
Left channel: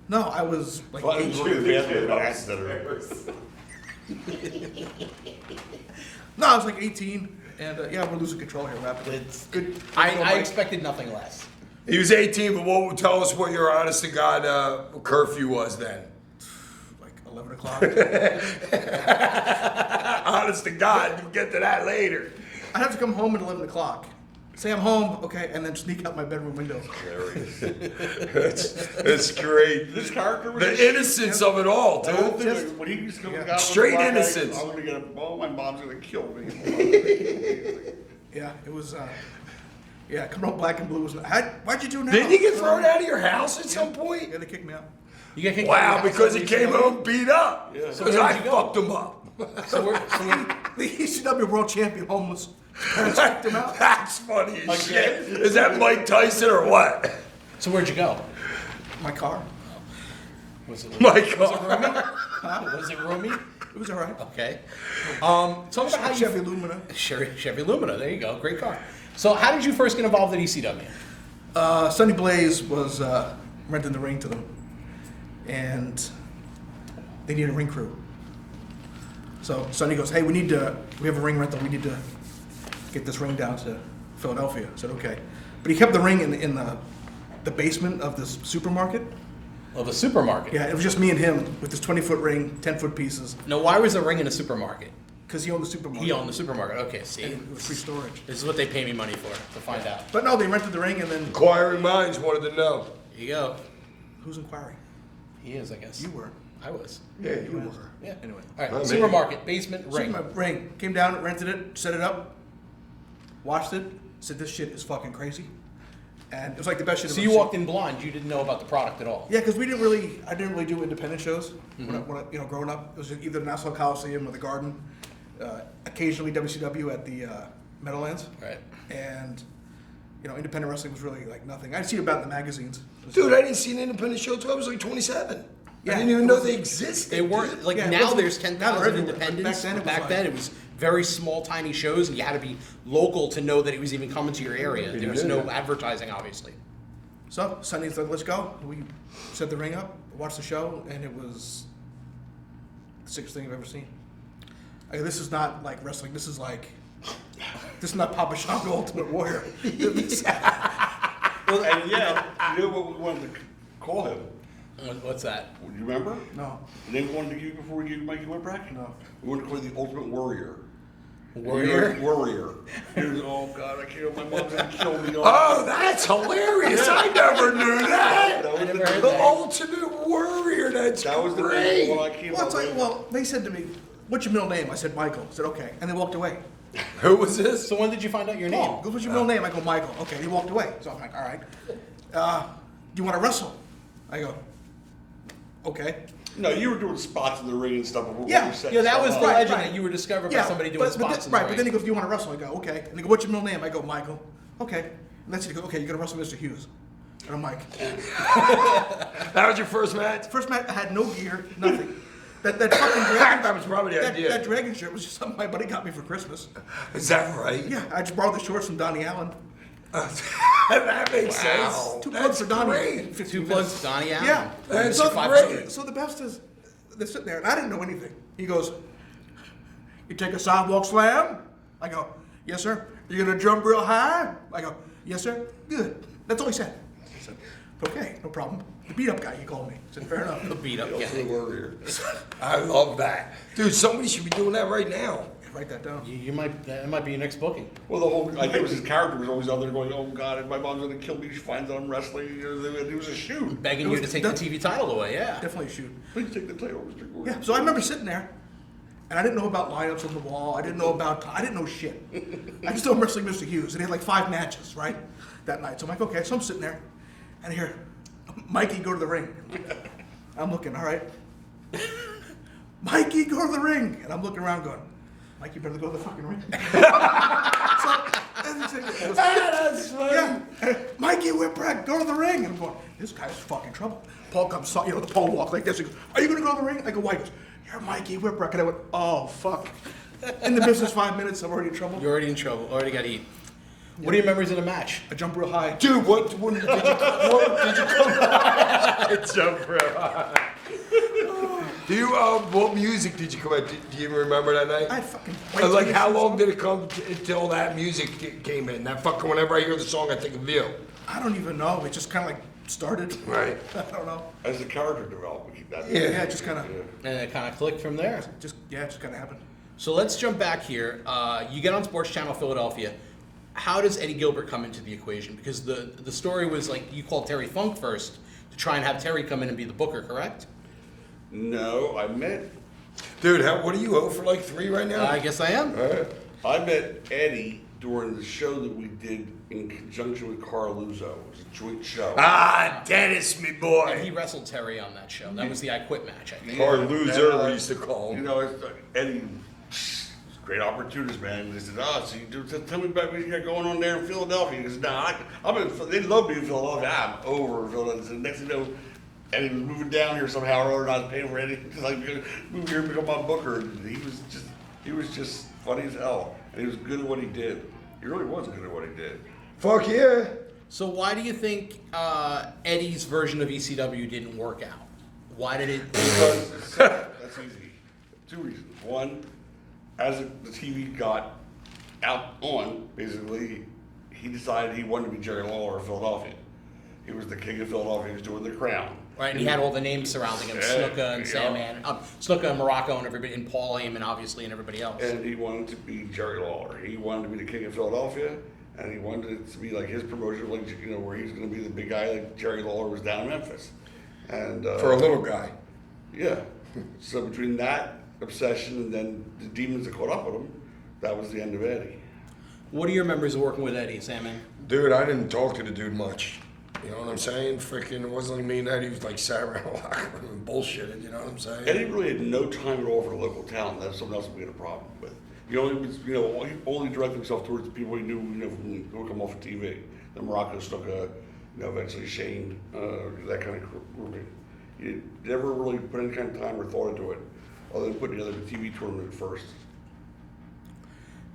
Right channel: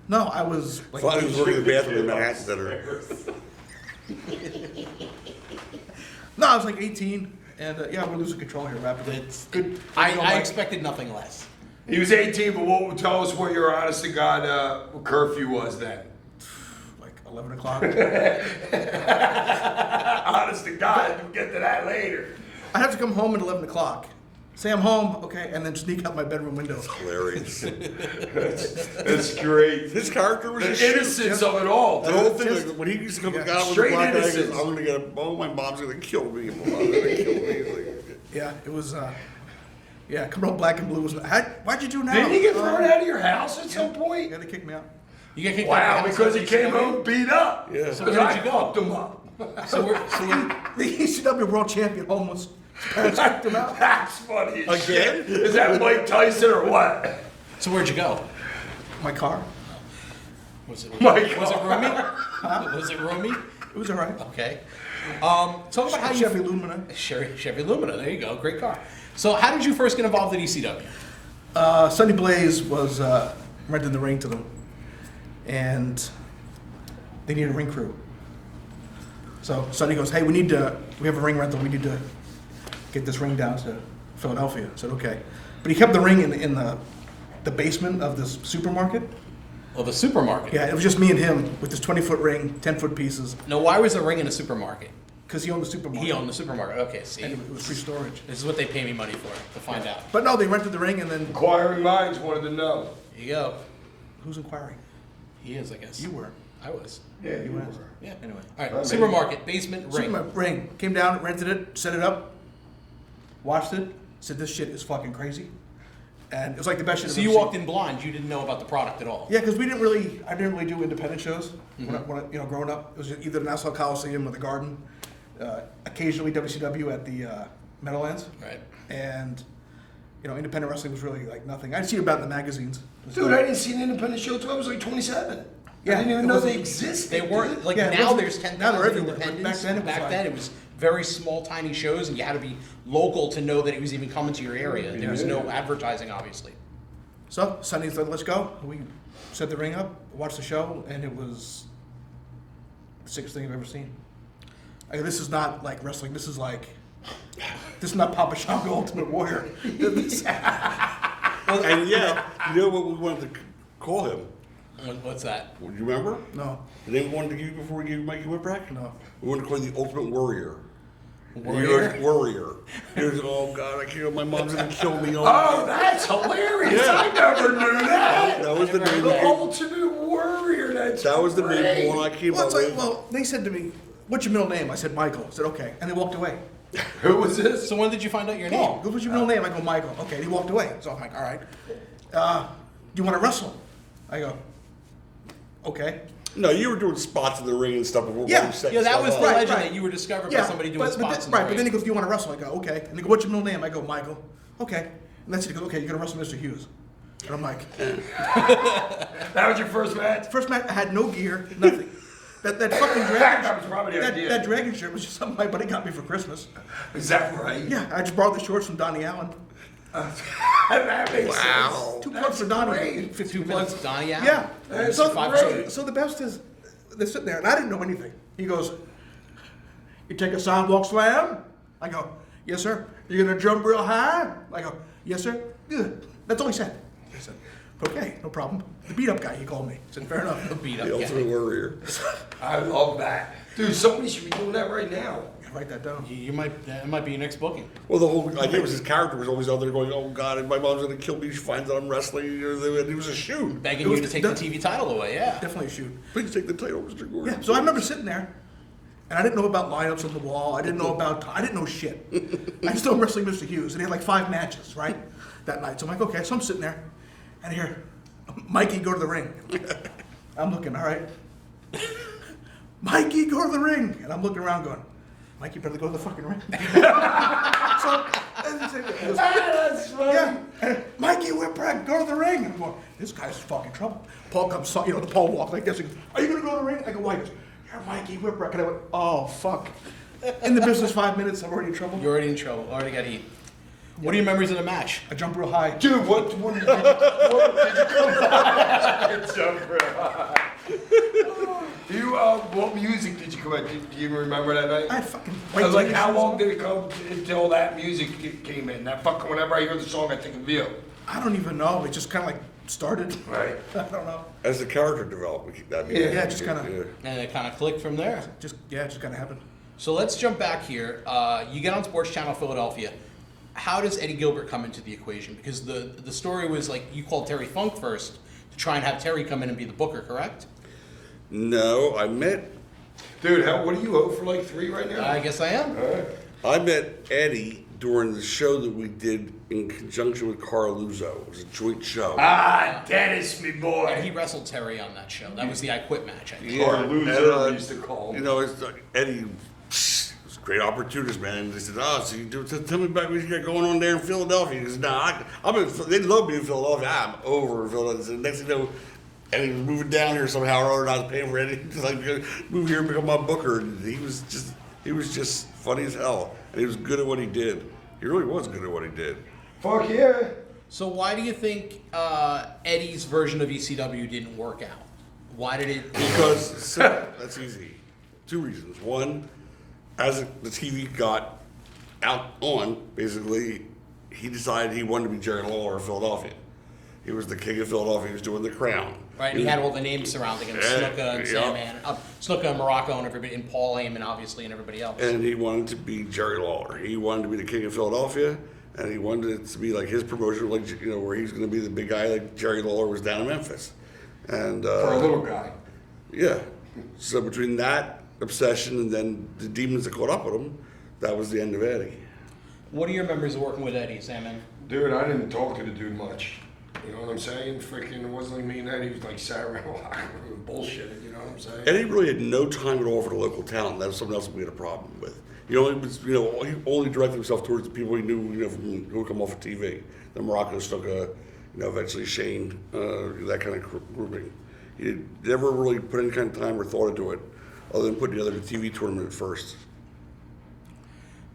no, I was like, Fun is working the bathroom in Manhattan Center. no, I was like 18, and yeah, we're losing control here. What happened? It's, Good. I expected nothing less. He was 18, but what would tell us what your honest to God curfew was then? Like 11 o'clock. Honest to God, we'll get to that later. I'd have to come home at 11 o'clock. Say I'm home, okay, and then sneak out my bedroom window. Hilarious. That's great. His character was The just shit. innocence of it all, The whole dude. thing, like, when he used to come Yeah. down Straight with the black guy, he innocence. goes, I'm gonna get my mom's gonna kill me. Like, Yeah, it was. Yeah, coming out black and blue was. Why'd you do now? Didn't you get thrown out of your house at some point? Yeah, they kicked me out. You get kicked out Wow, of the house because he at came ECW? home beat up. Yeah. So Because where'd I you go? fucked him up. The ECW World Champion homeless. Parents kicked him out. That's funny as shit. Is that Mike Tyson or what? So where'd you go? My car. Was it Mike. was it roomy? Was it roomy? It was alright. Okay. Talk about how you Chevy Lumina. Chevy Lumina. There you go. Great car. So how did you first get involved in ECW? Sonny Blaze was renting the ring to them, and they needed a ring crew. So Sonny goes, "Hey, we have a ring rental. We need to get this ring down to Philadelphia." I said, "Okay," but he kept the ring in the basement of this supermarket. Of a supermarket. Yeah, it was just me and him with this 20-foot ring, 10-foot pieces, No, why was the ring in a supermarket? because he owned the supermarket. He owned the supermarket. Okay, see. And it was free storage. This is what they pay me money for, to find out. But no, they rented the ring, and then Inquiring minds wanted to know. Here you go. who's inquiring? He is, I guess. You were. I was. Yeah, you were. Yeah, anyway. All right, Oh, supermarket, basement, ring. Supermarket ring. Came down, rented it, set it up, watched it, said this shit is fucking crazy. And it was like the best shit So I've you ever walked seen. in blind. You didn't know about the product at all. Yeah, because I didn't really do independent shows when I, growing up. It was either the Nassau Coliseum or the Garden. Occasionally WCW at the Meadowlands. Right. And, independent wrestling was really like nothing. I'd see about it in the magazines. It was Dude, like- I didn't see an independent show until I was like 27. Yeah, I didn't even it know wasn't- they existed. They weren't dude. like Yeah, it now. wasn't- There's now 10,000 they're everywhere, but independents. back then it was like- very small, tiny shows, and you had to be local to know that it was even coming to your area. There was no advertising, obviously. So Sunday said, "Let's go." We set the ring up, watched the show, and it was the sickest thing I've ever seen. This is not like wrestling. This is not Papa Shango Ultimate Warrior. Well, and yeah, you know what we wanted to call him? What's that? Do you remember? No, The name we wanted to give you before we gave you Mikey Whipwreck? no. We wanted to call him the Ultimate Warrior. Warrior? Warrior. He goes, oh God, I can't. My mom's gonna kill me. Oh, that's hilarious. I never knew that. That was the never heard name. The that. Ultimate Warrior. That's That was the great. name of the one I came Well, up it's like, with. well, they said to me, "What's your middle name?" I said, "Michael." I said, "Okay," and they walked away. Who was this? So when did you find out your name? Paul, what's your middle name? I go, "Michael." Okay, and he walked away. So I'm like, "All right, do you want to wrestle?" I go, "Okay." No, you were doing spots in the ring and stuff. Before Yeah, we set Yeah, that was stuff the up. legend right. that you were discovered by somebody doing spots in the right, ring. but then he goes, "Do you want to wrestle?" I go, "Okay." And they go, "What's your middle name?" I go, "Michael." Okay. And that's it. He goes, "Okay, you're gonna wrestle Mr. Hughes." And I'm like, That was your first match? first match, I had no gear, nothing. That fucking dragon. That was probably the idea. That dragon shirt was just something my buddy got me for Christmas. Is that right? Yeah, I just borrowed the shorts from Donnie Allen. That makes sense. 2 That's plugs for Donnie great. in 15 2 minutes. months, Donnie Allen. Yeah. That's So, great. so the best is, they're sitting there, and I didn't know anything. He goes, "You take a sidewalk slam?" I go, "Yes, sir." "You gonna jump real high?" I go, "Yes, sir." Good. That's all he said. I said, "Okay, no problem." The beat up guy, he called me. I said, "Fair enough." The beat up The guy. Ultimate Warrior. I love that. Dude, somebody should be doing that right now. Write that down. That might be your next booking. Well, the whole I think it was his character was always out there going, "Oh God, my mom's gonna kill me." She finds out I'm wrestling, and he was a shoot. Begging It you was to take the the- TV title away, yeah. Definitely shoot. Please take the title, Mr. Gordon. Yeah, so I remember sitting there, and I didn't know about lineups on the wall. I didn't know shit. I just know I'm wrestling Mr. Hughes, and he had like 5 matches, right, that night. So I'm like, okay, so I'm sitting there, and I hear, "Mikey, go to the ring." I'm looking, all right. "Mikey, go to the ring," and I'm looking around going, "Mikey, better go to the fucking ring." So, That's funny. yeah, "Mikey Whipwreck, go to the ring." And I'm going, this guy's fucking trouble. Paul comes, Paul walks like this. He goes, "Are you gonna go to the ring?" I go, "Why?" He goes, "You're Mikey Whipwreck." And I went, "Oh, fuck." In the business 5 minutes, I'm already in trouble. You're already in trouble. Already got heat. What are your memories of the match? I jump real high. Dude, when did you come jump Do you, what music did you come out? Do you remember that night? I fucking. Like, how long did it come until that music came in? That fucking, whenever I hear the song, I think of you. I don't even know. It just kind of like started. Right. I don't know. As the character developed, we keep that. Yeah, Yeah, just kind of. And it kind of clicked from there. It just kind of happened. So let's jump back here. You get on Sports Channel Philadelphia. How does Eddie Gilbert come into the equation? Because the story was like you called Terry Funk first to try and have Terry come in and be the booker, correct? No, I met Dude, what are you, 0 for like 3 right now? I guess I am. Alright. I met Eddie during the show that we did in conjunction with Carl Luzo. It was a joint show. Ah, Dennis, me And he boy. wrestled Terry on that show. That was the I Quit match, I think. Or and, loser, we used to call You him. know, it's Eddie. It's a great opportunist, man. They said, so you tell me about what you got going on there in Philadelphia. He goes, they love me in Philadelphia. I'm over in Philadelphia. So next thing you know, Eddie was moving down here somehow or other. I was paying for Eddie to like move here and become my booker. And he was just funny as hell. And he was good at what he did. He really was good at what he did. Fuck yeah. So why do you think Eddie's version of ECW didn't work out? Why did it? Because that's easy. 2 reasons. One, as the TV got out on, basically, he decided he wanted to be Jerry Lawler of Philadelphia. He was the king of Philadelphia. He was doing the crown. Right, and he had all the names surrounding him, Yeah, Snuka and yeah. Sandman, Snuka and Morocco and everybody, and Paul Heyman obviously, and everybody else. And he wanted to be Jerry Lawler. He wanted to be the king of Philadelphia, and he wanted it to be like his promotion, like where he was going to be the big guy, like Jerry Lawler was down in Memphis. And For a little guy. yeah. So between that obsession and then the demons that caught up with him, that was the end of Eddie. What are your memories of working with Eddie, Sandman? Dude, I didn't talk to the dude much. You know what I'm saying? Freaking, it wasn't like me and Eddie was like sat around the locker room and bullshitted, you know what I'm saying? Eddie really had no time at all for the local talent. That was something else we had a problem with. He only was, he only directed himself towards the people he knew, who would come off of TV. The Morocco Snuka, eventually Shane, that kind of grouping. He never really put any kind of time or thought into it, other than putting together the TV tournament first.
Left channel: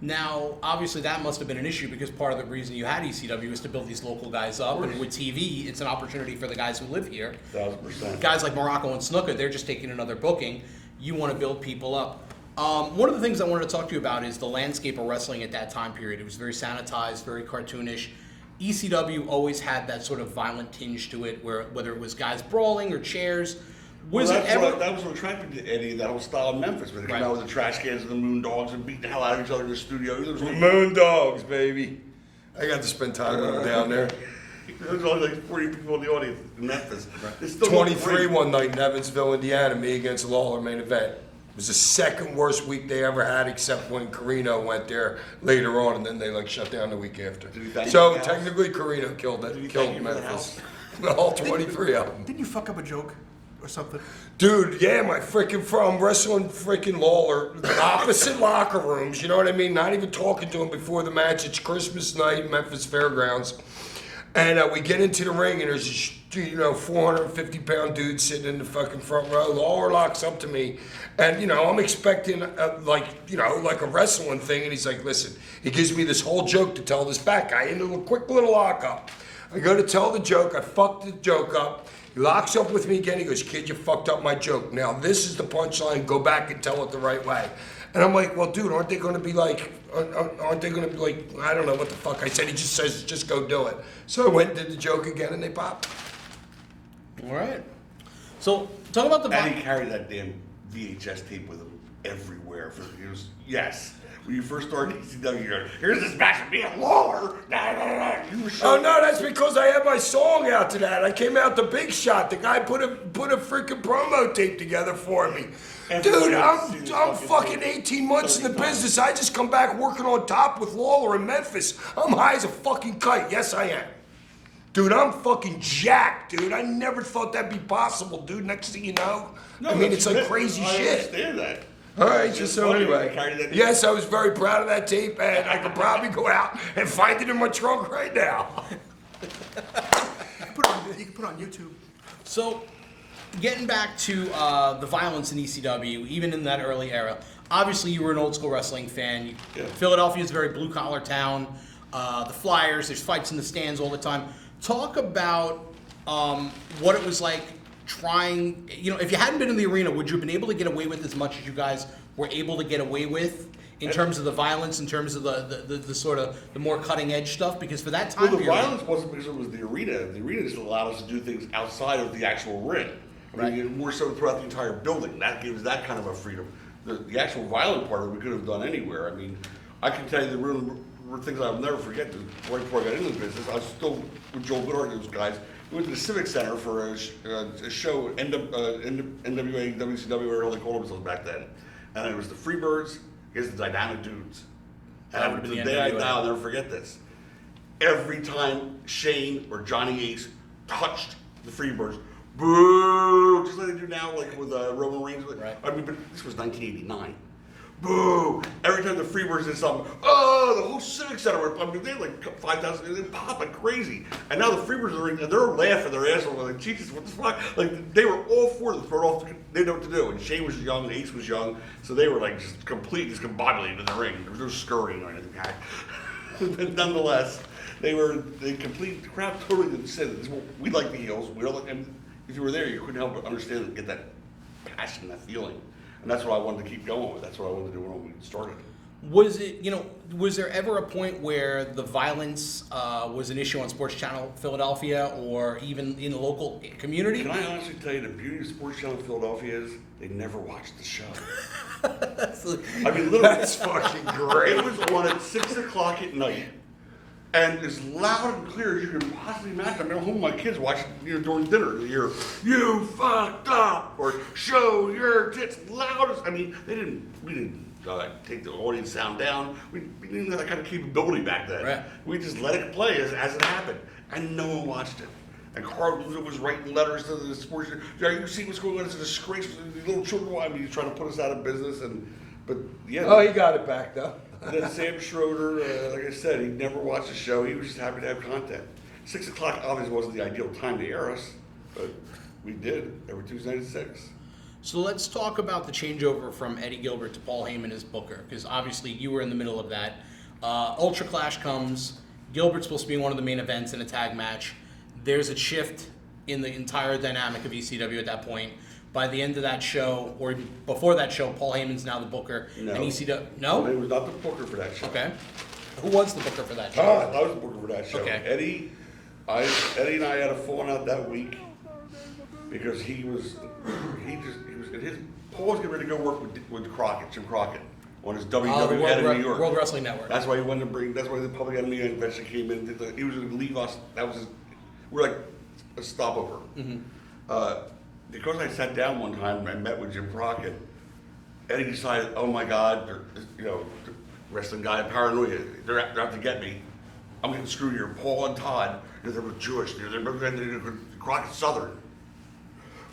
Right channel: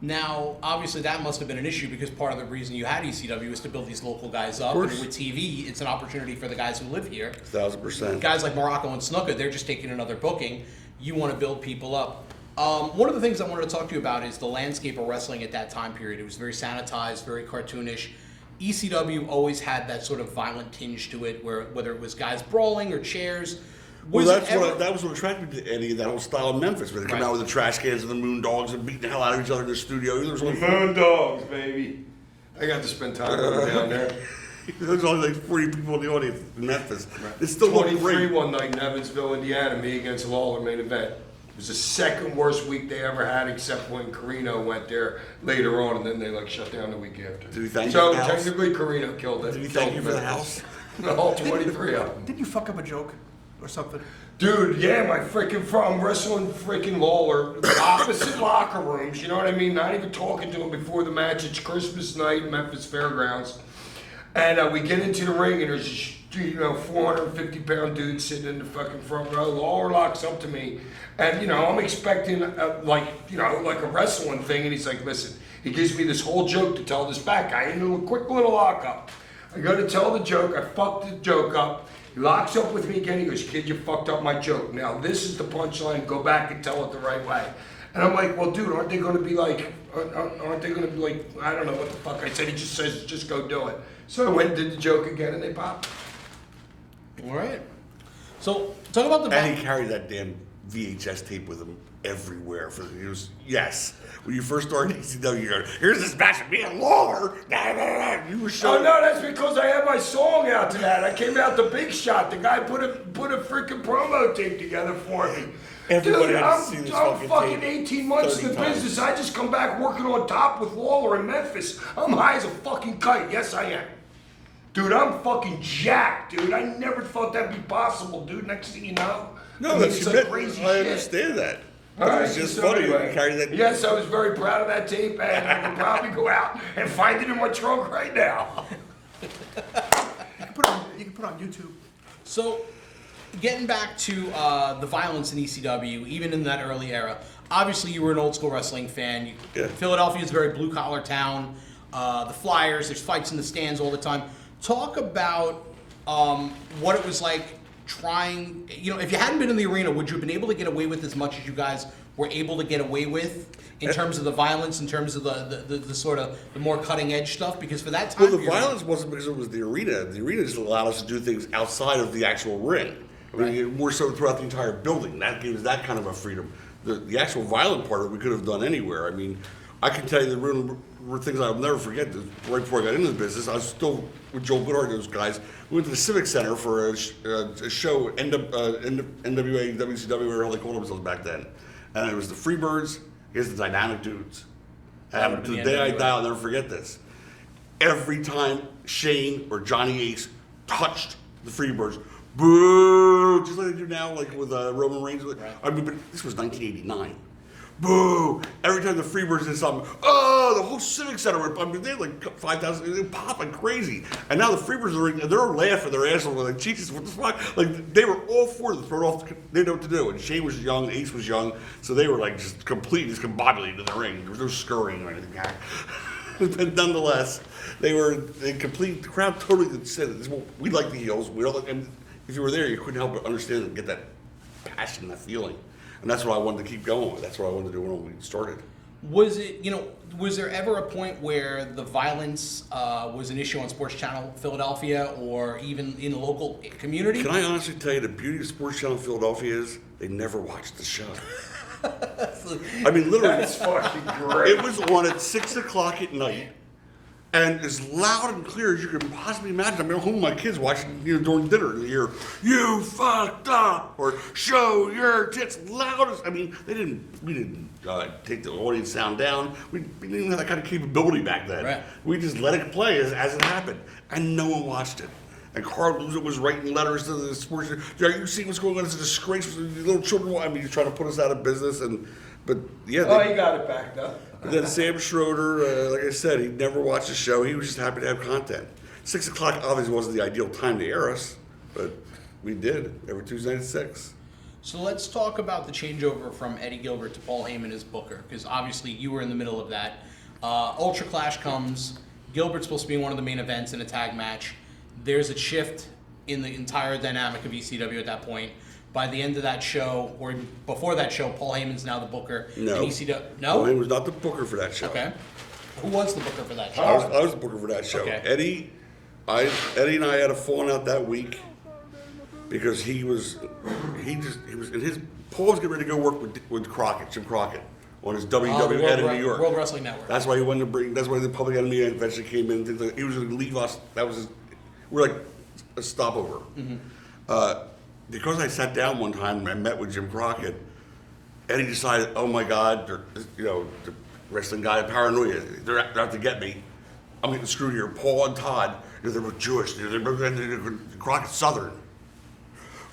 Now, obviously, that must have been an issue because part of the reason you had ECW was to build these local guys up. And with TV, it's an opportunity for the guys who live here. 1,000%. Guys like Morocco and Snuka, they're just taking another booking. You want to build people up. One of the things I wanted to talk to you about is the landscape of wrestling at that time period. It was very sanitized, very cartoonish. ECW always had that sort of violent tinge to it, where whether it was guys brawling or chairs. Well, Was it ever? that was what attracted me to Eddie, that whole style of Memphis, where they come Right. out with the trash cans and the moon dogs and beating the hell out of each other in the studio. There was only, Moon dogs, baby. I got to spend time over down there. there was only like 40 people in the audience in Memphis. It's still 23 one night in Evansville, Indiana, me against Lawler main event. It was the second worst week they ever had, except when Carino went there later on, and then they like shut down the week after. Did he thank So you for the house? technically, Carino killed it. Did he thank you for the house? All 23 of them. Didn't you fuck up a joke or something? Dude, yeah, my freaking from wrestling freaking Lawler, opposite locker rooms, you know what I mean? Not even talking to him before the match. It's Christmas night, Memphis Fairgrounds. And we get into the ring, and there's a 450-pound dude sitting in the fucking front row. Lawler locks up to me, and I'm expecting like a wrestling thing, and he's like, listen, he gives me this whole joke to tell this back guy into a quick little lockup. I go to tell the joke, I fucked the joke up. He locks up with me again. He goes, kid, you fucked up my joke. Now, this is the punchline. Go back and tell it the right way. And I'm like, well, dude, aren't they going to be like, I don't know what the fuck I said. He just says, just go do it. So I went and did the joke again, and they popped. All right. So, talk about the... And he carried that damn VHS tape with him everywhere. Yes. When you first started ECW, you're like, here's this match of me and Lawler. You were Oh showing no, that's because I had my song out to that. I came out the big shot. The guy put a freaking promo tape together for me. Everybody Dude, has seen this I'm fucking fucking tape 18 months in the 30 times. business. I just come back working on top with Lawler in Memphis. I'm high as a fucking kite. Yes, I am. Dude, I'm fucking jacked, dude. I never thought that'd be possible, dude. Next thing you know, it's like crazy I shit. understand that. All right, It's just so funny. anyway, You carried that. yes, I was very proud of that tape, and I could probably go out and find it in my trunk right now. You can put it on YouTube. So, getting back to the violence in ECW, even in that early era, obviously you were an old school wrestling fan. Yeah. Philadelphia is a very blue collar town. The Flyers, there's fights in the stands all the time. Talk about what it was like trying, if you hadn't been in the arena, would you have been able to get away with as much as you guys were able to get away with in terms of the violence, in terms of the sort of the more cutting edge stuff? Because for that time Well, the period, violence wasn't because it was the arena. The arena just allowed us to do things outside of the actual ring. I mean, more so throughout the entire building. That gives that kind of a freedom. The actual violent part of it we could have done anywhere. I mean, I can tell you there were things I'll never forget. Right before I got into the business, I was still with Joel Goodhart and those guys. We went to the Civic Center for a show, NWA, WCW, whatever they called themselves back then. And it was the Freebirds against the Dynamic Dudes. That And would've to been the the day I NWA. die, I'll never forget this. Every time Shane or Johnny Ace touched the Freebirds, boo! Just like they do now, like with Roman Reigns. Right. I mean, but this was 1989. Boo! Every time the Freebirds did something, oh, the whole Civic Center, I mean, they had like 5,000, they pop like crazy. And now the Freebirds are, and they're laughing their ass off, like, Jesus, what the fuck? Like, they were all for this, throw it off, they know what to do. And Shane was young, and Ace was young, so they were like just completely discombobulated in the ring. There was no scurrying or anything. But nonetheless, they were in complete, the crowd totally didn't say this. We like the heels, we don't like, and if you were there, you couldn't help but understand and get that passion, that feeling. And that's what I wanted to keep going with. That's what I wanted to do when we started. Was it, was there ever a point where the violence was an issue on Sports Channel Philadelphia or even in the local community? Can I honestly tell you the beauty of Sports Channel Philadelphia is they never watched the show. I mean, literally, That's fucking great. it was on at 6 o'clock at night. And as loud and clear as you can possibly imagine. I mean, I'm home with my kids watching, during dinner. You hear, "You fucked up," or "Show your tits," loud as, I mean, we didn't take the audience sound down. We didn't have that kind of capability back then. Right. We just let it play as it happened. And no one watched it. And Carl Luzer was writing letters to the sports. You see what's going on? It's a disgrace. The little children, I mean, he's trying to put us out of business. But yeah. Oh, you got it back though. And then Sam Schroeder, like I said, he never watched the show. He was just happy to have content. 6 o'clock obviously wasn't the ideal time to air us, but we did every Tuesday night at 6. So let's talk about the changeover from Eddie Gilbert to Paul Heyman as Booker, because obviously you were in the middle of that. Ultra Clash comes. Gilbert's supposed to be one of the main events in a tag match. There's a shift in the entire dynamic of ECW at that point. By the end of that show, or before that show, Paul Heyman's now the Booker. No. And ECW. No? He was not the booker for that show. Okay. Who was the Booker for that show? I was the booker for that show. Okay. Eddie and I had a falling out that week because he was in his, Paul was getting ready to go work with Crockett, Jim Crockett, on his the WWN in New York. World Wrestling Network. That's why he wanted to bring. That's why the Public Enemy eventually came in. He was going to leave us. That was we're like a stopover. Because I sat down one time and I met with Jim Crockett, Eddie decided, oh my God, the wrestling guy, paranoia, they're out to get me. I'm getting screwed here. Paul and Todd, they were Jewish. Crockett's Southern.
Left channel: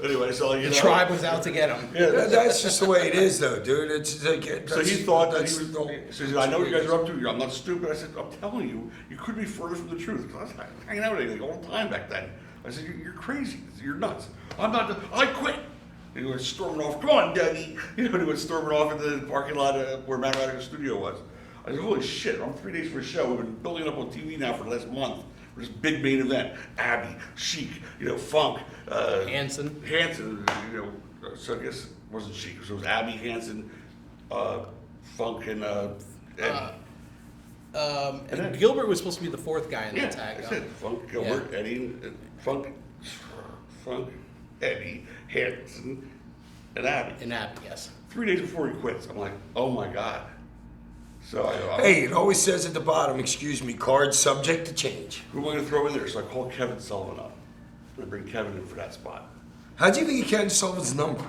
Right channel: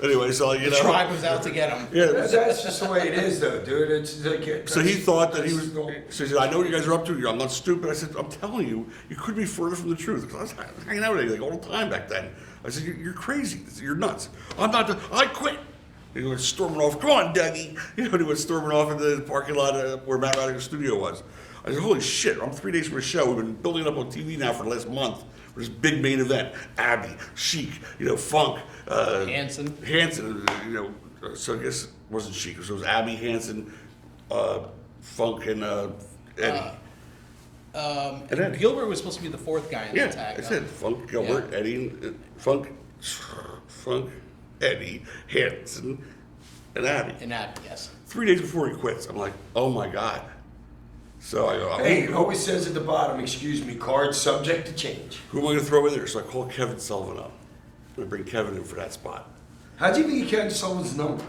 Anyway, so The tribe was out to get him. Yeah, That's just the way it is, though, dude. It's like, so he thought that he that's was. So he said, "I know what you guys are up to. I'm not stupid." I said, "I'm telling you, you could be further from the truth." Because I was hanging out with you all the time back then. I said, "You're crazy. You're nuts. I'm not. I quit." He was storming off. Come on, Daddy. He was storming off into the parking lot where Matt Radica's studio was. I said, "Holy shit! I'm 3 days from a show. We've been building up on TV now for the last month. For this big main event. Abby, Chic, Funk, Hanson. So I guess it wasn't Chic. So it was Abby, Hanson, Funk, and Eddie. And Gilbert was supposed to be the fourth guy in Yeah, the tag. I said Funk, Gilbert, Eddie, Funk, Eddie, Hanson, and Abby. In Abby, yes. 3 days before he quits, I'm like, oh my God. So I go, Hey, it always says at the bottom, excuse me, card subject to change. who am I going to throw in there? So I called Kevin Sullivan up. I bring Kevin in for that spot. How do you think you catch Sullivan's number?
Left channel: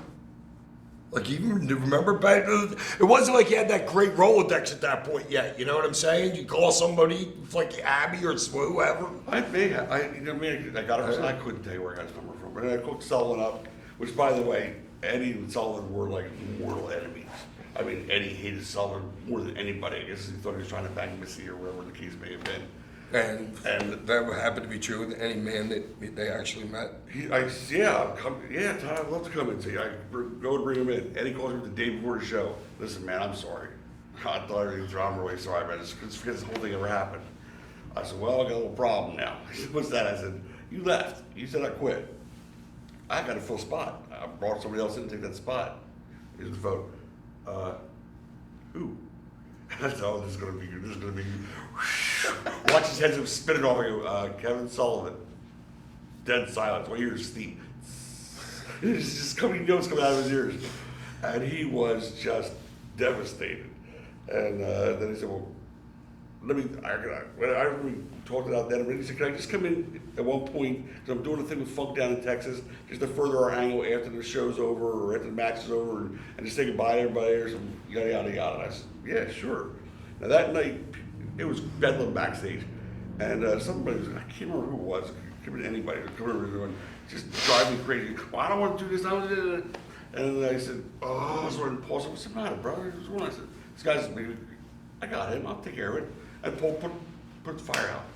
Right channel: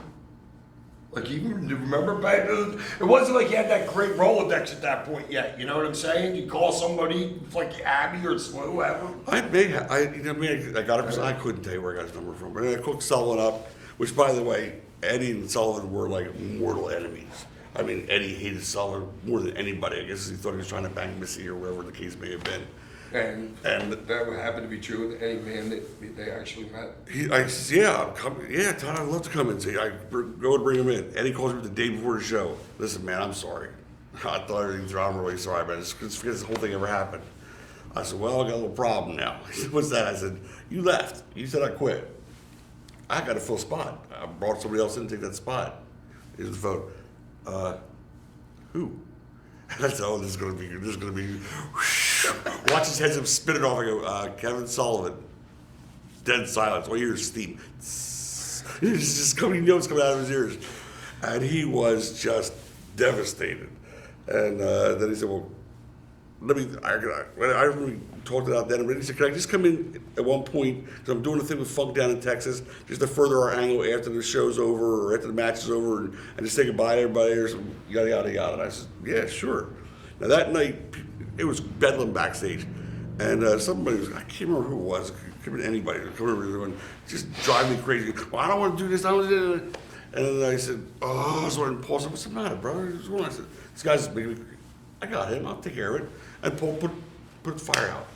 Like, you remember back? It wasn't like you had that great Rolodex at that point yet. You know what I'm saying? You call somebody like Abby or whoever. I got it. I couldn't tell you where I got his number from. And I called Sullivan up, which, by the way, Eddie and Sullivan were like mortal enemies. I mean, Eddie hated Sullivan more than anybody. I guess he thought he was trying to bang Missy or whatever the case may have been. And that would happen to be true with any man that they actually met. I said, yeah, I'm coming. Yeah, Todd, I'd love to come and see. Go and bring him in. Eddie calls me the day before the show. Listen, man, I'm sorry. I thought everything was wrong. I'm really sorry, man. Just forget this whole thing ever happened. I said, well, I got a little problem now. He said, what's that? I said, you left. You said I quit. I got to fill a spot. I brought somebody else in to take that spot. Here's the phone. Who? I said, oh, this is gonna be. Watch his heads up spinning off. I go, Kevin Sullivan. Dead silence. All you hear is steam. It's just coming. It's coming out of his ears, and he was just devastated. And then he said, well, we talked about that. And he said, can I just come in at one point, because I'm doing a thing with Funk down in Texas, just to further our angle after the show's over or after the match is over, and just say goodbye to everybody or some yada, yada, yada. And I said, yeah, sure. Now that night, it was bedlam backstage, and somebody was, I can't remember who it was, could have been anybody, just driving me crazy. Well, I don't want to do this, I don't want to do that. And then I said, oh, so Paul said, what's the matter, brother? I said, this guy's, I got him, I'll take care of it. And Paul put the fire out.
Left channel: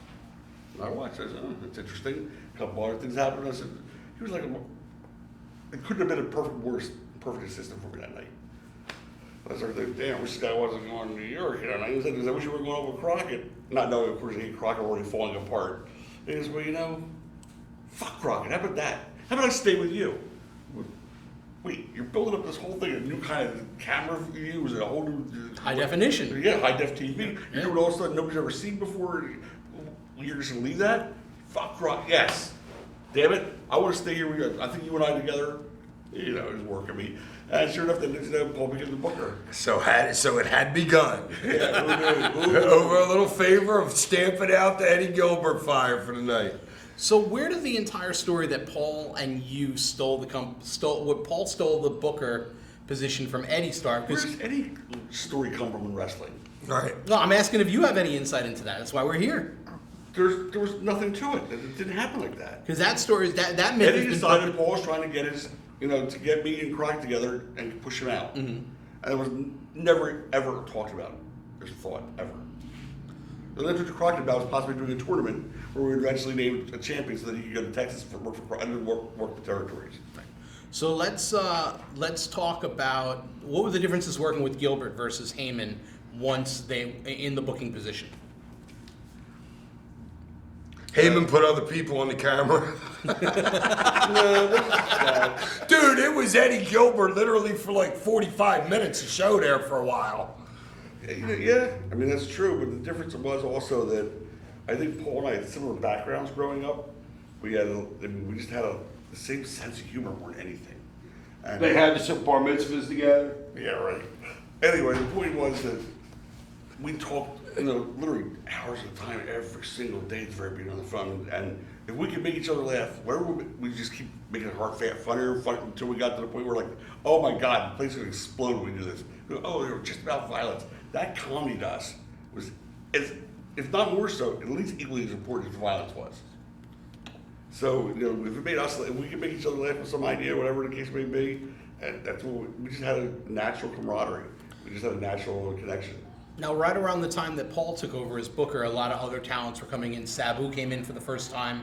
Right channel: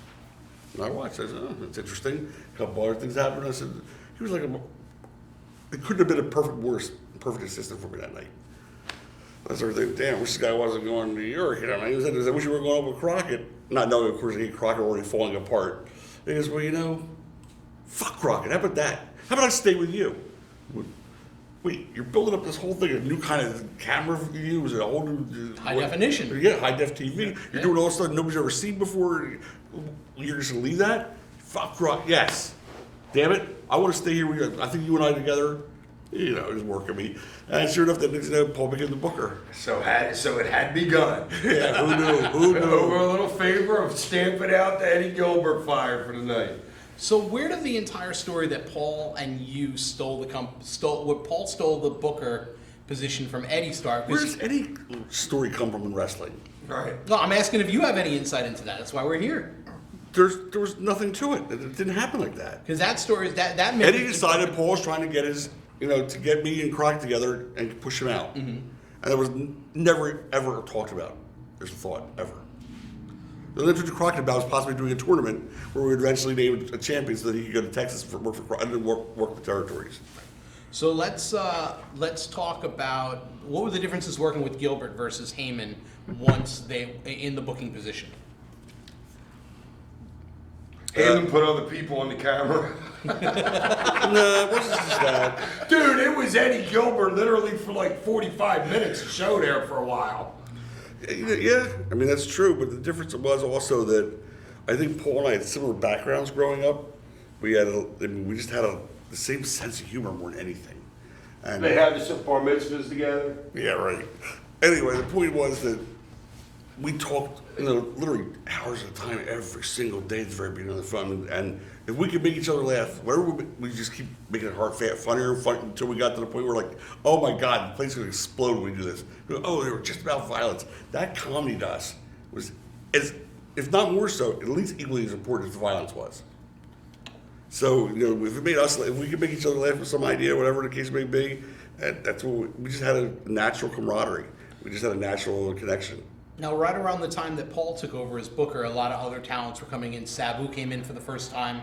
And I watched, I said, oh, that's interesting. A couple other things happened. I said, he was like, it couldn't have been a perfect assistant for me that night. I started thinking, damn, I wish this guy wasn't going to New York. I said, I wish we were going with Crockett. Not knowing, of course, Crockett already falling apart. He goes, well, fuck Crockett, how about that? How about I stay with you? Wait, you're building up this whole thing, a new kind of camera for you, is it a whole new... High definition. Yeah, high def TV. You're doing all stuff nobody's ever seen before. You're just gonna leave that? Fuck Crockett, yes. Damn it, I want to stay here with you. I think you and I together, is working me. And sure enough, the next day, Paul became the booker. So it had begun. Yeah, who knew? Over a little favor of stamping out the Eddie Gilbert fire for the night. So where did the entire story that Paul and you stole Paul stole the booker position from Eddie start? Where does any story come from in wrestling? Right. Well, I'm asking if you have any insight into that. That's why we're here. There was nothing to it. It didn't happen like that. Because that story is that myth. Eddie decided Paul was trying to get to get me and Croc together and push him out. Mm-hmm. And it was never, ever talked about. There's a thought, ever. The only thing we talked about was possibly doing a tournament where we would eventually name a champion so that he could go to Texas for work the territories. So let's talk about what were the differences working with Gilbert versus Heyman once they in the booking position. Heyman put other people on the camera. No, it wasn't that. Dude, it was Eddie Gilbert literally for like 45 minutes of show there for a while. Yeah, I mean that's true, but the difference was also that I think Paul and I had similar backgrounds growing up. We just had the same sense of humor more than anything. And They had some bar mitzvahs together. yeah, right. Anyway, the point was that we talked, literally hours at a time every single day at the very beginning of the fun. And if we could make each other laugh, whatever we just keep making it funnier until we got to the point where like, oh my God, the place is going to explode when we do this. Oh, they were just about violence. That comedy to us was, if not more so, at least equally as important as the violence was. So, if we could make each other laugh with some idea, whatever the case may be, that's what we just had a natural camaraderie. We just had a natural connection. Now, right around the time that Paul took over as booker, a lot of other talents were coming in. Sabu came in for the first time.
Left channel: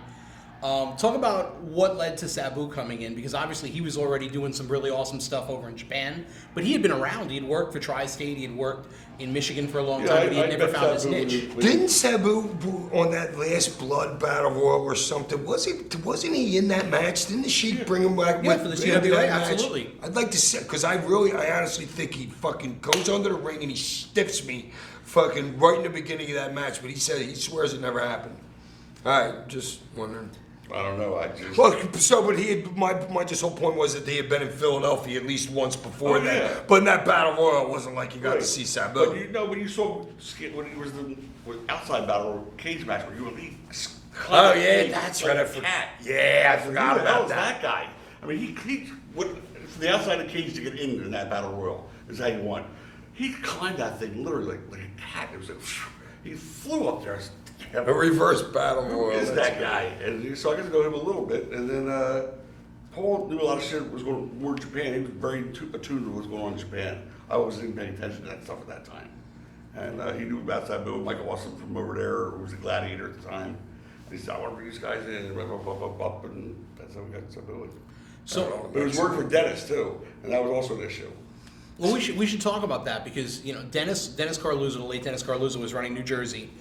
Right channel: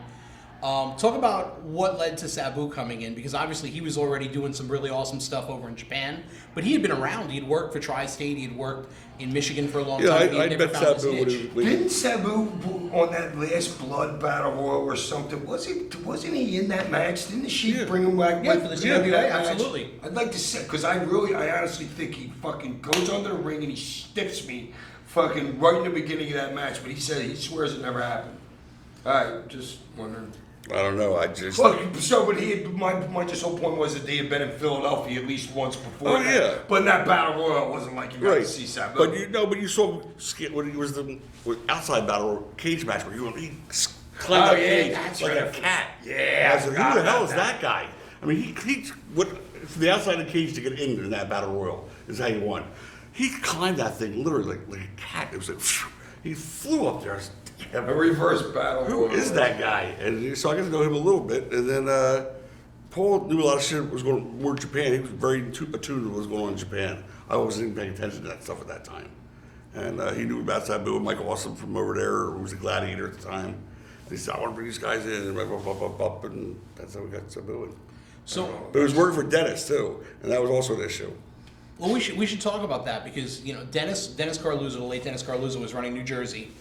Talk about what led to Sabu coming in, because obviously he was already doing some really awesome stuff over in Japan, but he had been around. He had worked for Tri-State. He had worked in Michigan for a long time. But he had never found his niche. Didn't Sabu on that last Blood Battle Royal or something? Wasn't he in that match? Didn't the Sheik bring him back? Yeah, for the TWA, that absolutely. Match? I'd like to say, because I honestly think he fucking goes under the ring and he stiffs me, fucking right in the beginning of that match. But he swears it never happened. All right, just wondering. I don't know. I just. Well, but he had, my just whole point was that he had been in Philadelphia at least once before. Oh, yeah. But in that Battle Royal, it wasn't like you got to see Sabu. But you saw when he was with outside battle or cage match where he climbed that's like right. a cat. Yeah, I forgot Who the hell about is that guy? I mean, he from the outside of the cage to get in that battle royal is how he won. He climbed that thing literally like a cat. It was like he flew up there. A reverse Battle Royal. Who is that guy? And so I got to know him a little bit, and then Paul knew a lot of shit was going on in Japan. He was very attuned to what was going on in Japan. I wasn't even paying attention to that stuff at that time. And he knew about Sabu and Michael Awesome from over there, who was a gladiator at the time. And he said, I want to bring these guys in, and that's how we got Sabu. But he was working for Dennis, too, and that was also an issue. Well, we should talk about that because Dennis Carluzzo, the late Dennis Carluzzo, was running New Jersey,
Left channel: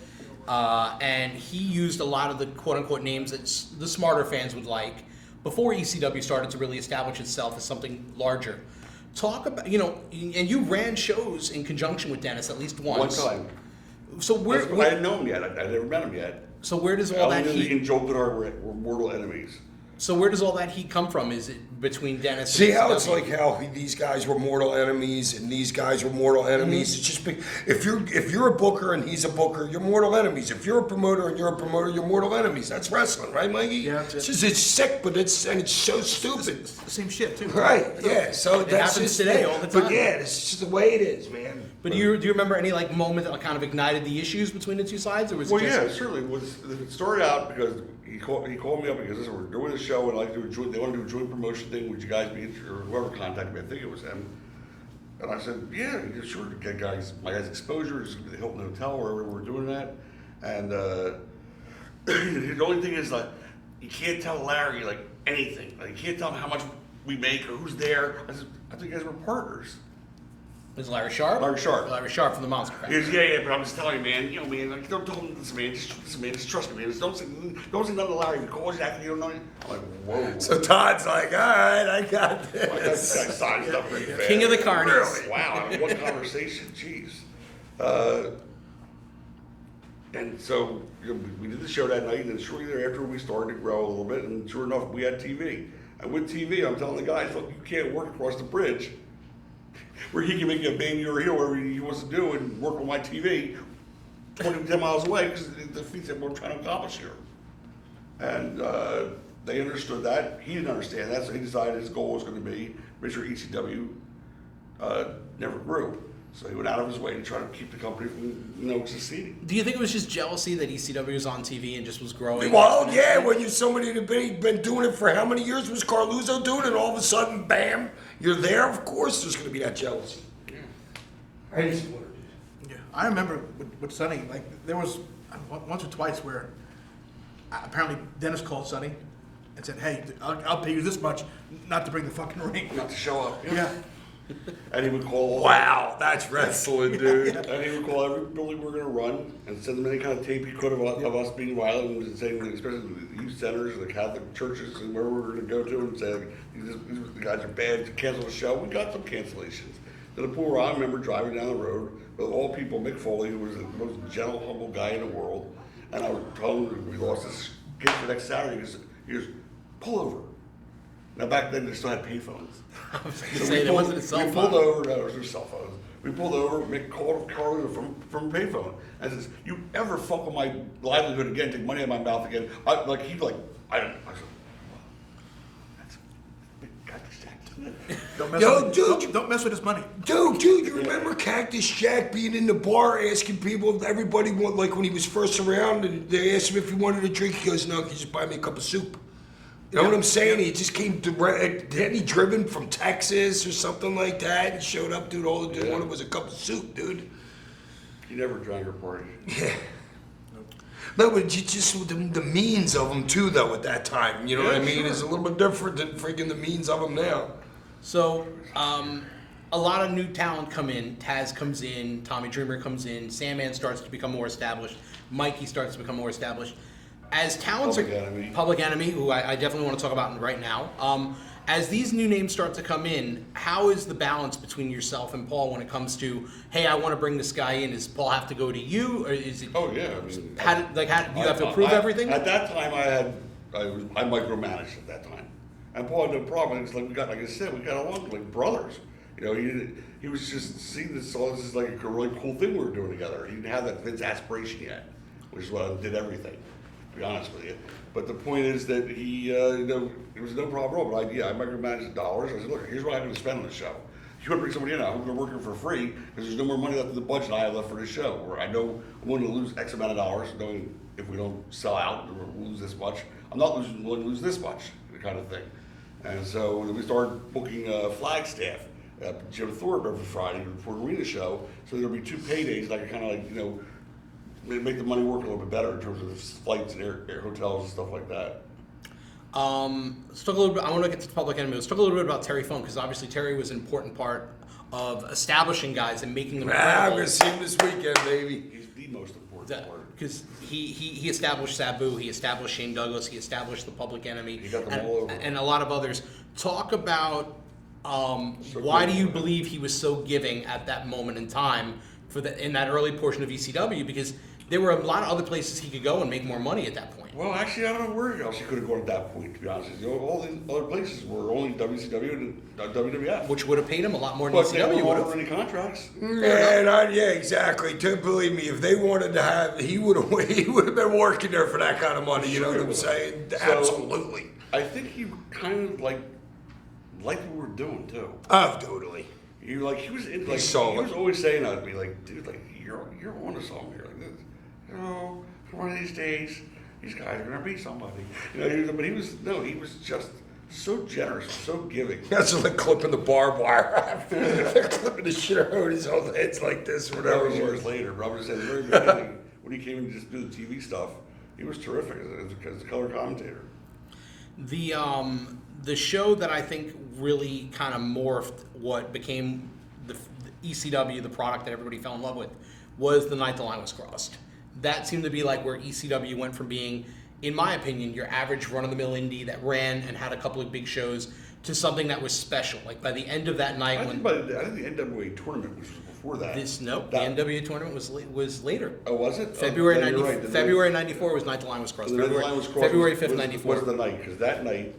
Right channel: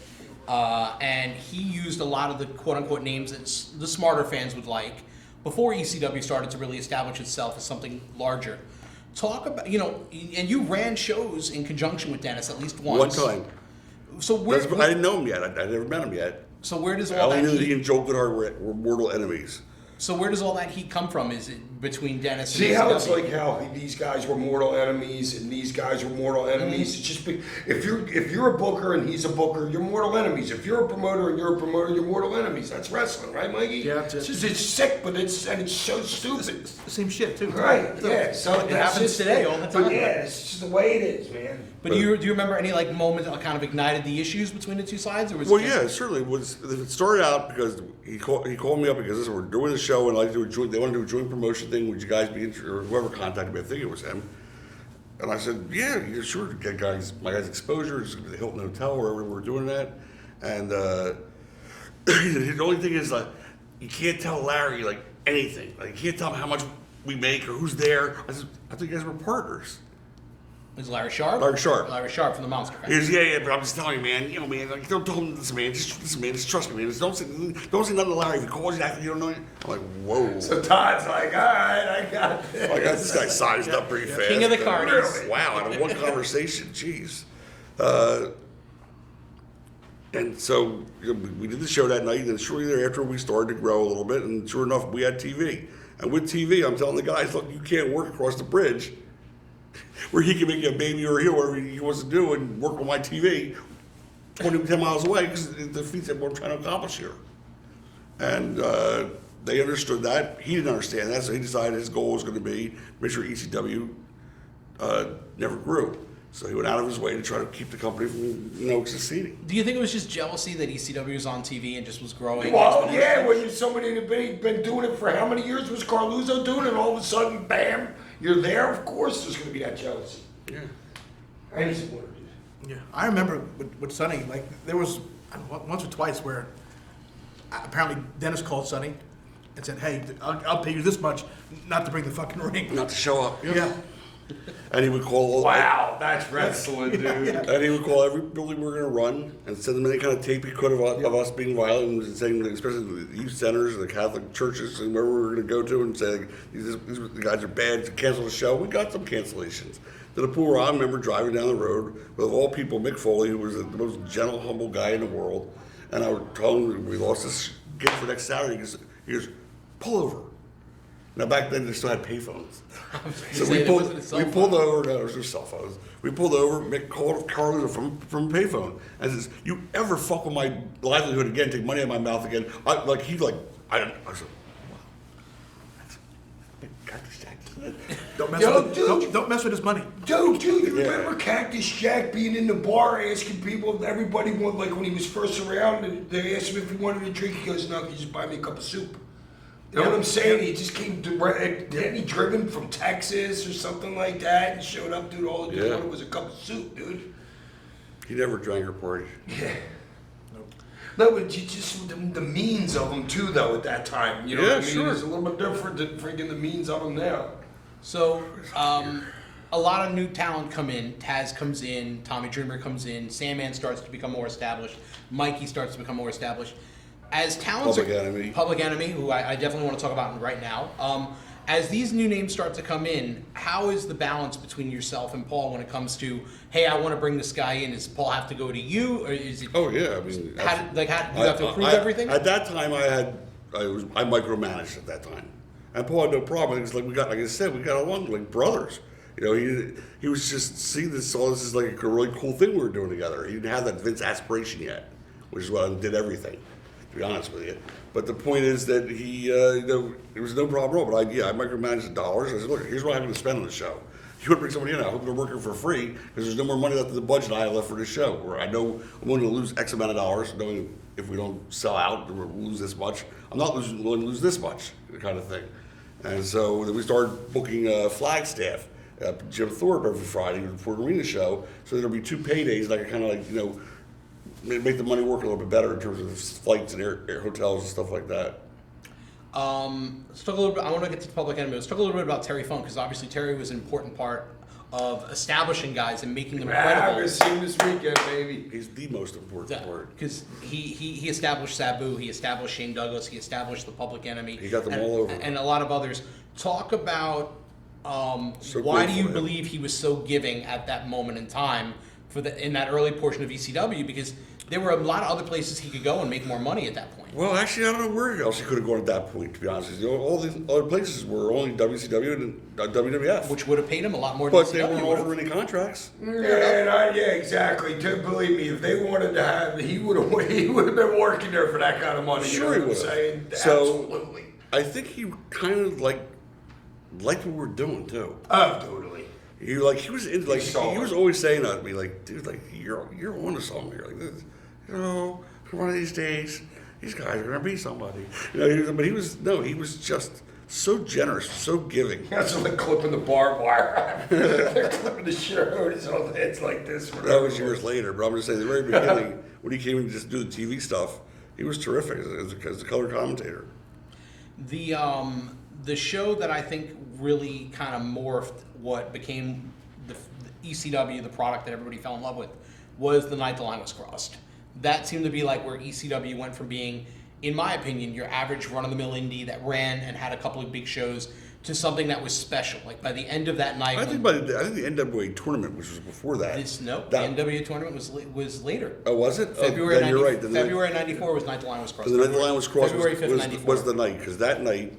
and he used a lot of the quote unquote names that the smarter fans would like before ECW started to really establish itself as something larger. Talk about and you ran shows in conjunction with Dennis at least once. One time. So I didn't know him yet. I never met him yet. So where does all that Only heat? he and Joe Goodar were mortal enemies. So where does all that heat come from? Is it between Dennis? See and how ECW? it's like how these guys were mortal enemies and these guys were mortal enemies. Mm-hmm. It's just if you're a booker and he's a booker, you're mortal enemies. If you're a promoter and you're a promoter, you're mortal enemies. That's wrestling, right, Mikey? Yeah, it's sick, but it's so stupid. It's the same shit too. Right? Yeah. So It happens today all the time. But yeah, it's just the way it is, man. But do you remember any like moment that kind of ignited the issues between the two sides, or was Well, it just... yeah, certainly. It started out because he called me up because listen, we're doing the show and they want to do a joint promotion thing. Would you guys be interested? Or whoever contacted me, I think it was him. And I said, yeah, sure. Get my guys exposure. It's the Hilton Hotel wherever we're doing that. And the only thing is like you can't tell Larry like anything. Like you can't tell him how much we make or who's there. I said, I think you guys were partners. Is Larry Sharp? Larry Sharp. Larry Sharp from the Monster He Factory. goes, yeah, but I'm just telling you, man, man, like, don't tell him this, man, just trust me, man. Don't say nothing to Larry. If he calls you after you don't know him, I'm like, whoa. So Todd's like, all right, I got this. I got this guy sized up pretty fast. King of the carnies. Really? Wow, I mean, one conversation, jeez. And so we did the show that night, and shortly thereafter we started to grow a little bit, and sure enough, we had TV. And with TV, I'm telling the guys, look, you can't work across the bridge where he can make a baby or a heel, whatever he wants to do, and work on my TV 10 miles away, because it defeats what I'm trying to accomplish here. And they understood that. He didn't understand that, so he decided his goal was going to be make sure ECW never grew. So he went out of his way to try to keep the company from, succeeding. Do you think it was just jealousy that ECW was on TV and just was growing? Well, yeah, when you're somebody that been doing it for how many years was Carluzzo doing it, and all of a sudden, bam, you're there. Of course, there's going to be that jealousy. Yeah. Crazy. Yeah, I remember with Sonny, like there was once or twice where apparently Dennis called Sonny and said, "Hey, I'll pay you this much, not to bring the fucking ring." Not to show up. Yeah. And he would call Wow, that's wrestling, dude. And he would call every building we were going to run and send them any kind of tape he could of us being violent, and saying, especially the youth centers and the Catholic churches and wherever we were going to go to, and say, like, these guys are bad, to cancel the show. We got some cancellations. To the point where I remember driving down the road with all people, Mick Foley, who was the most gentle, humble guy in the world, and I would tell him we lost this gig for next Saturday. He goes, pull over. Now back then they still had payphones. So we pulled over. No, there was no cell phones. We pulled over. Mick called Carlos from a payphone and says, "You ever fuck with my livelihood again? Take money out of my mouth again?" I said, "Cactus Jack." Don't mess with his money. Dude, you remember Cactus Jack being in the bar asking people, everybody, like when he was first around, and they asked him if he wanted a drink. He goes, no, can you just buy me a cup of soup? You know what I'm saying? He just came direct. Hadn't he driven from Texas or something like that and showed up, dude? All the dude wanted was a cup of soup, dude. He never drank your party. Yeah. No, but just the means of them too, though. At that time, you know what I mean? Sure. It's a little bit different than freaking the means of them now. So, a lot of new talent come in. Taz comes in, Tommy Dreamer comes in, Sandman starts to become more established, Mikey starts to become more established. As talents Public Enemy, who I definitely want to talk about right now. As these new names start to come in, how is the balance between yourself and Paul when it comes to, hey, I want to bring this guy in? Does Paul have to go to you, or is it? Oh yeah, I mean, do you have to approve everything? At that time, I micromanaged at that time, and Paul had no problem. It's like like I said, we got along like brothers. He was just seeing all this is like a really cool thing we were doing together. He didn't have that Vince aspiration yet, which is why I did everything. To be honest with you, but the point is that he, there was no problem at all. But I micromanaged the dollars. I said, look, here's what I'm going to spend on the show. You want to bring somebody in, I'm working for free because there's no more money left in the budget I have left for the show. Or I know I'm going to lose X amount of dollars, knowing if we don't sell out or lose this much, I'm not willing to lose this much, kind of thing. And so we started booking Flagstaff, Jim Thorpe every Friday before the arena show. So there'll be 2 paydays, and I could kind of make the money work a little bit better in terms of flights and air hotels and stuff like that. Let's talk a little bit. I want to get to the Public Enemy. Let's talk a little bit about Terry Funk, because obviously Terry was an important part of establishing guys and making them credible. I'm gonna see him this weekend, baby. He's the most important part. Because he established Sabu, he established Shane Douglas, he established the Public Enemy. He got them all over. And a lot of others. Talk about So why do you grateful, man. believe he was so giving at that moment in time in that early portion of ECW, because there were a lot of other places he could go and make more money at that point. Well, actually, I don't know where else he could have gone at that point, to be honest with you. All these other places were only WCW and WWF. Which would have paid him a lot more than But they ECW would weren't have. offering any contracts. Yeah, exactly. Believe me, if they wanted to have, he would have been working there for that kind of money. You know what I'm saying? So, Absolutely. I think he kind of liked what we were doing too. Oh, totally. You like he was in, like saw he was it. always saying that to me, like, dude, like you're on the song. You're like this, one of these days these guys are gonna be somebody. But he was just so generous, so giving. That's like clipping the barbed wire. They're clipping the shit out of his own heads like this. That Whatever. was years later, but I'm just saying, the very beginning, when he came in to just do the TV stuff, he was terrific as a color commentator. The show that I think really kind of morphed what became the ECW, the product that everybody fell in love with, was The Night the Line Was Crossed. That seemed to be like where ECW went from being, in my opinion, your average run-of-the-mill indie that ran and had a couple of big shows to something that was special. Like by the end of that night, I think the NWA tournament, which was before that. the NWA tournament was later. Oh, was it? February then 90, you're right. February '94 was Night the Line Was Crossed. The Night the Line Was Crossed. February 5th, '94 was the night, because that night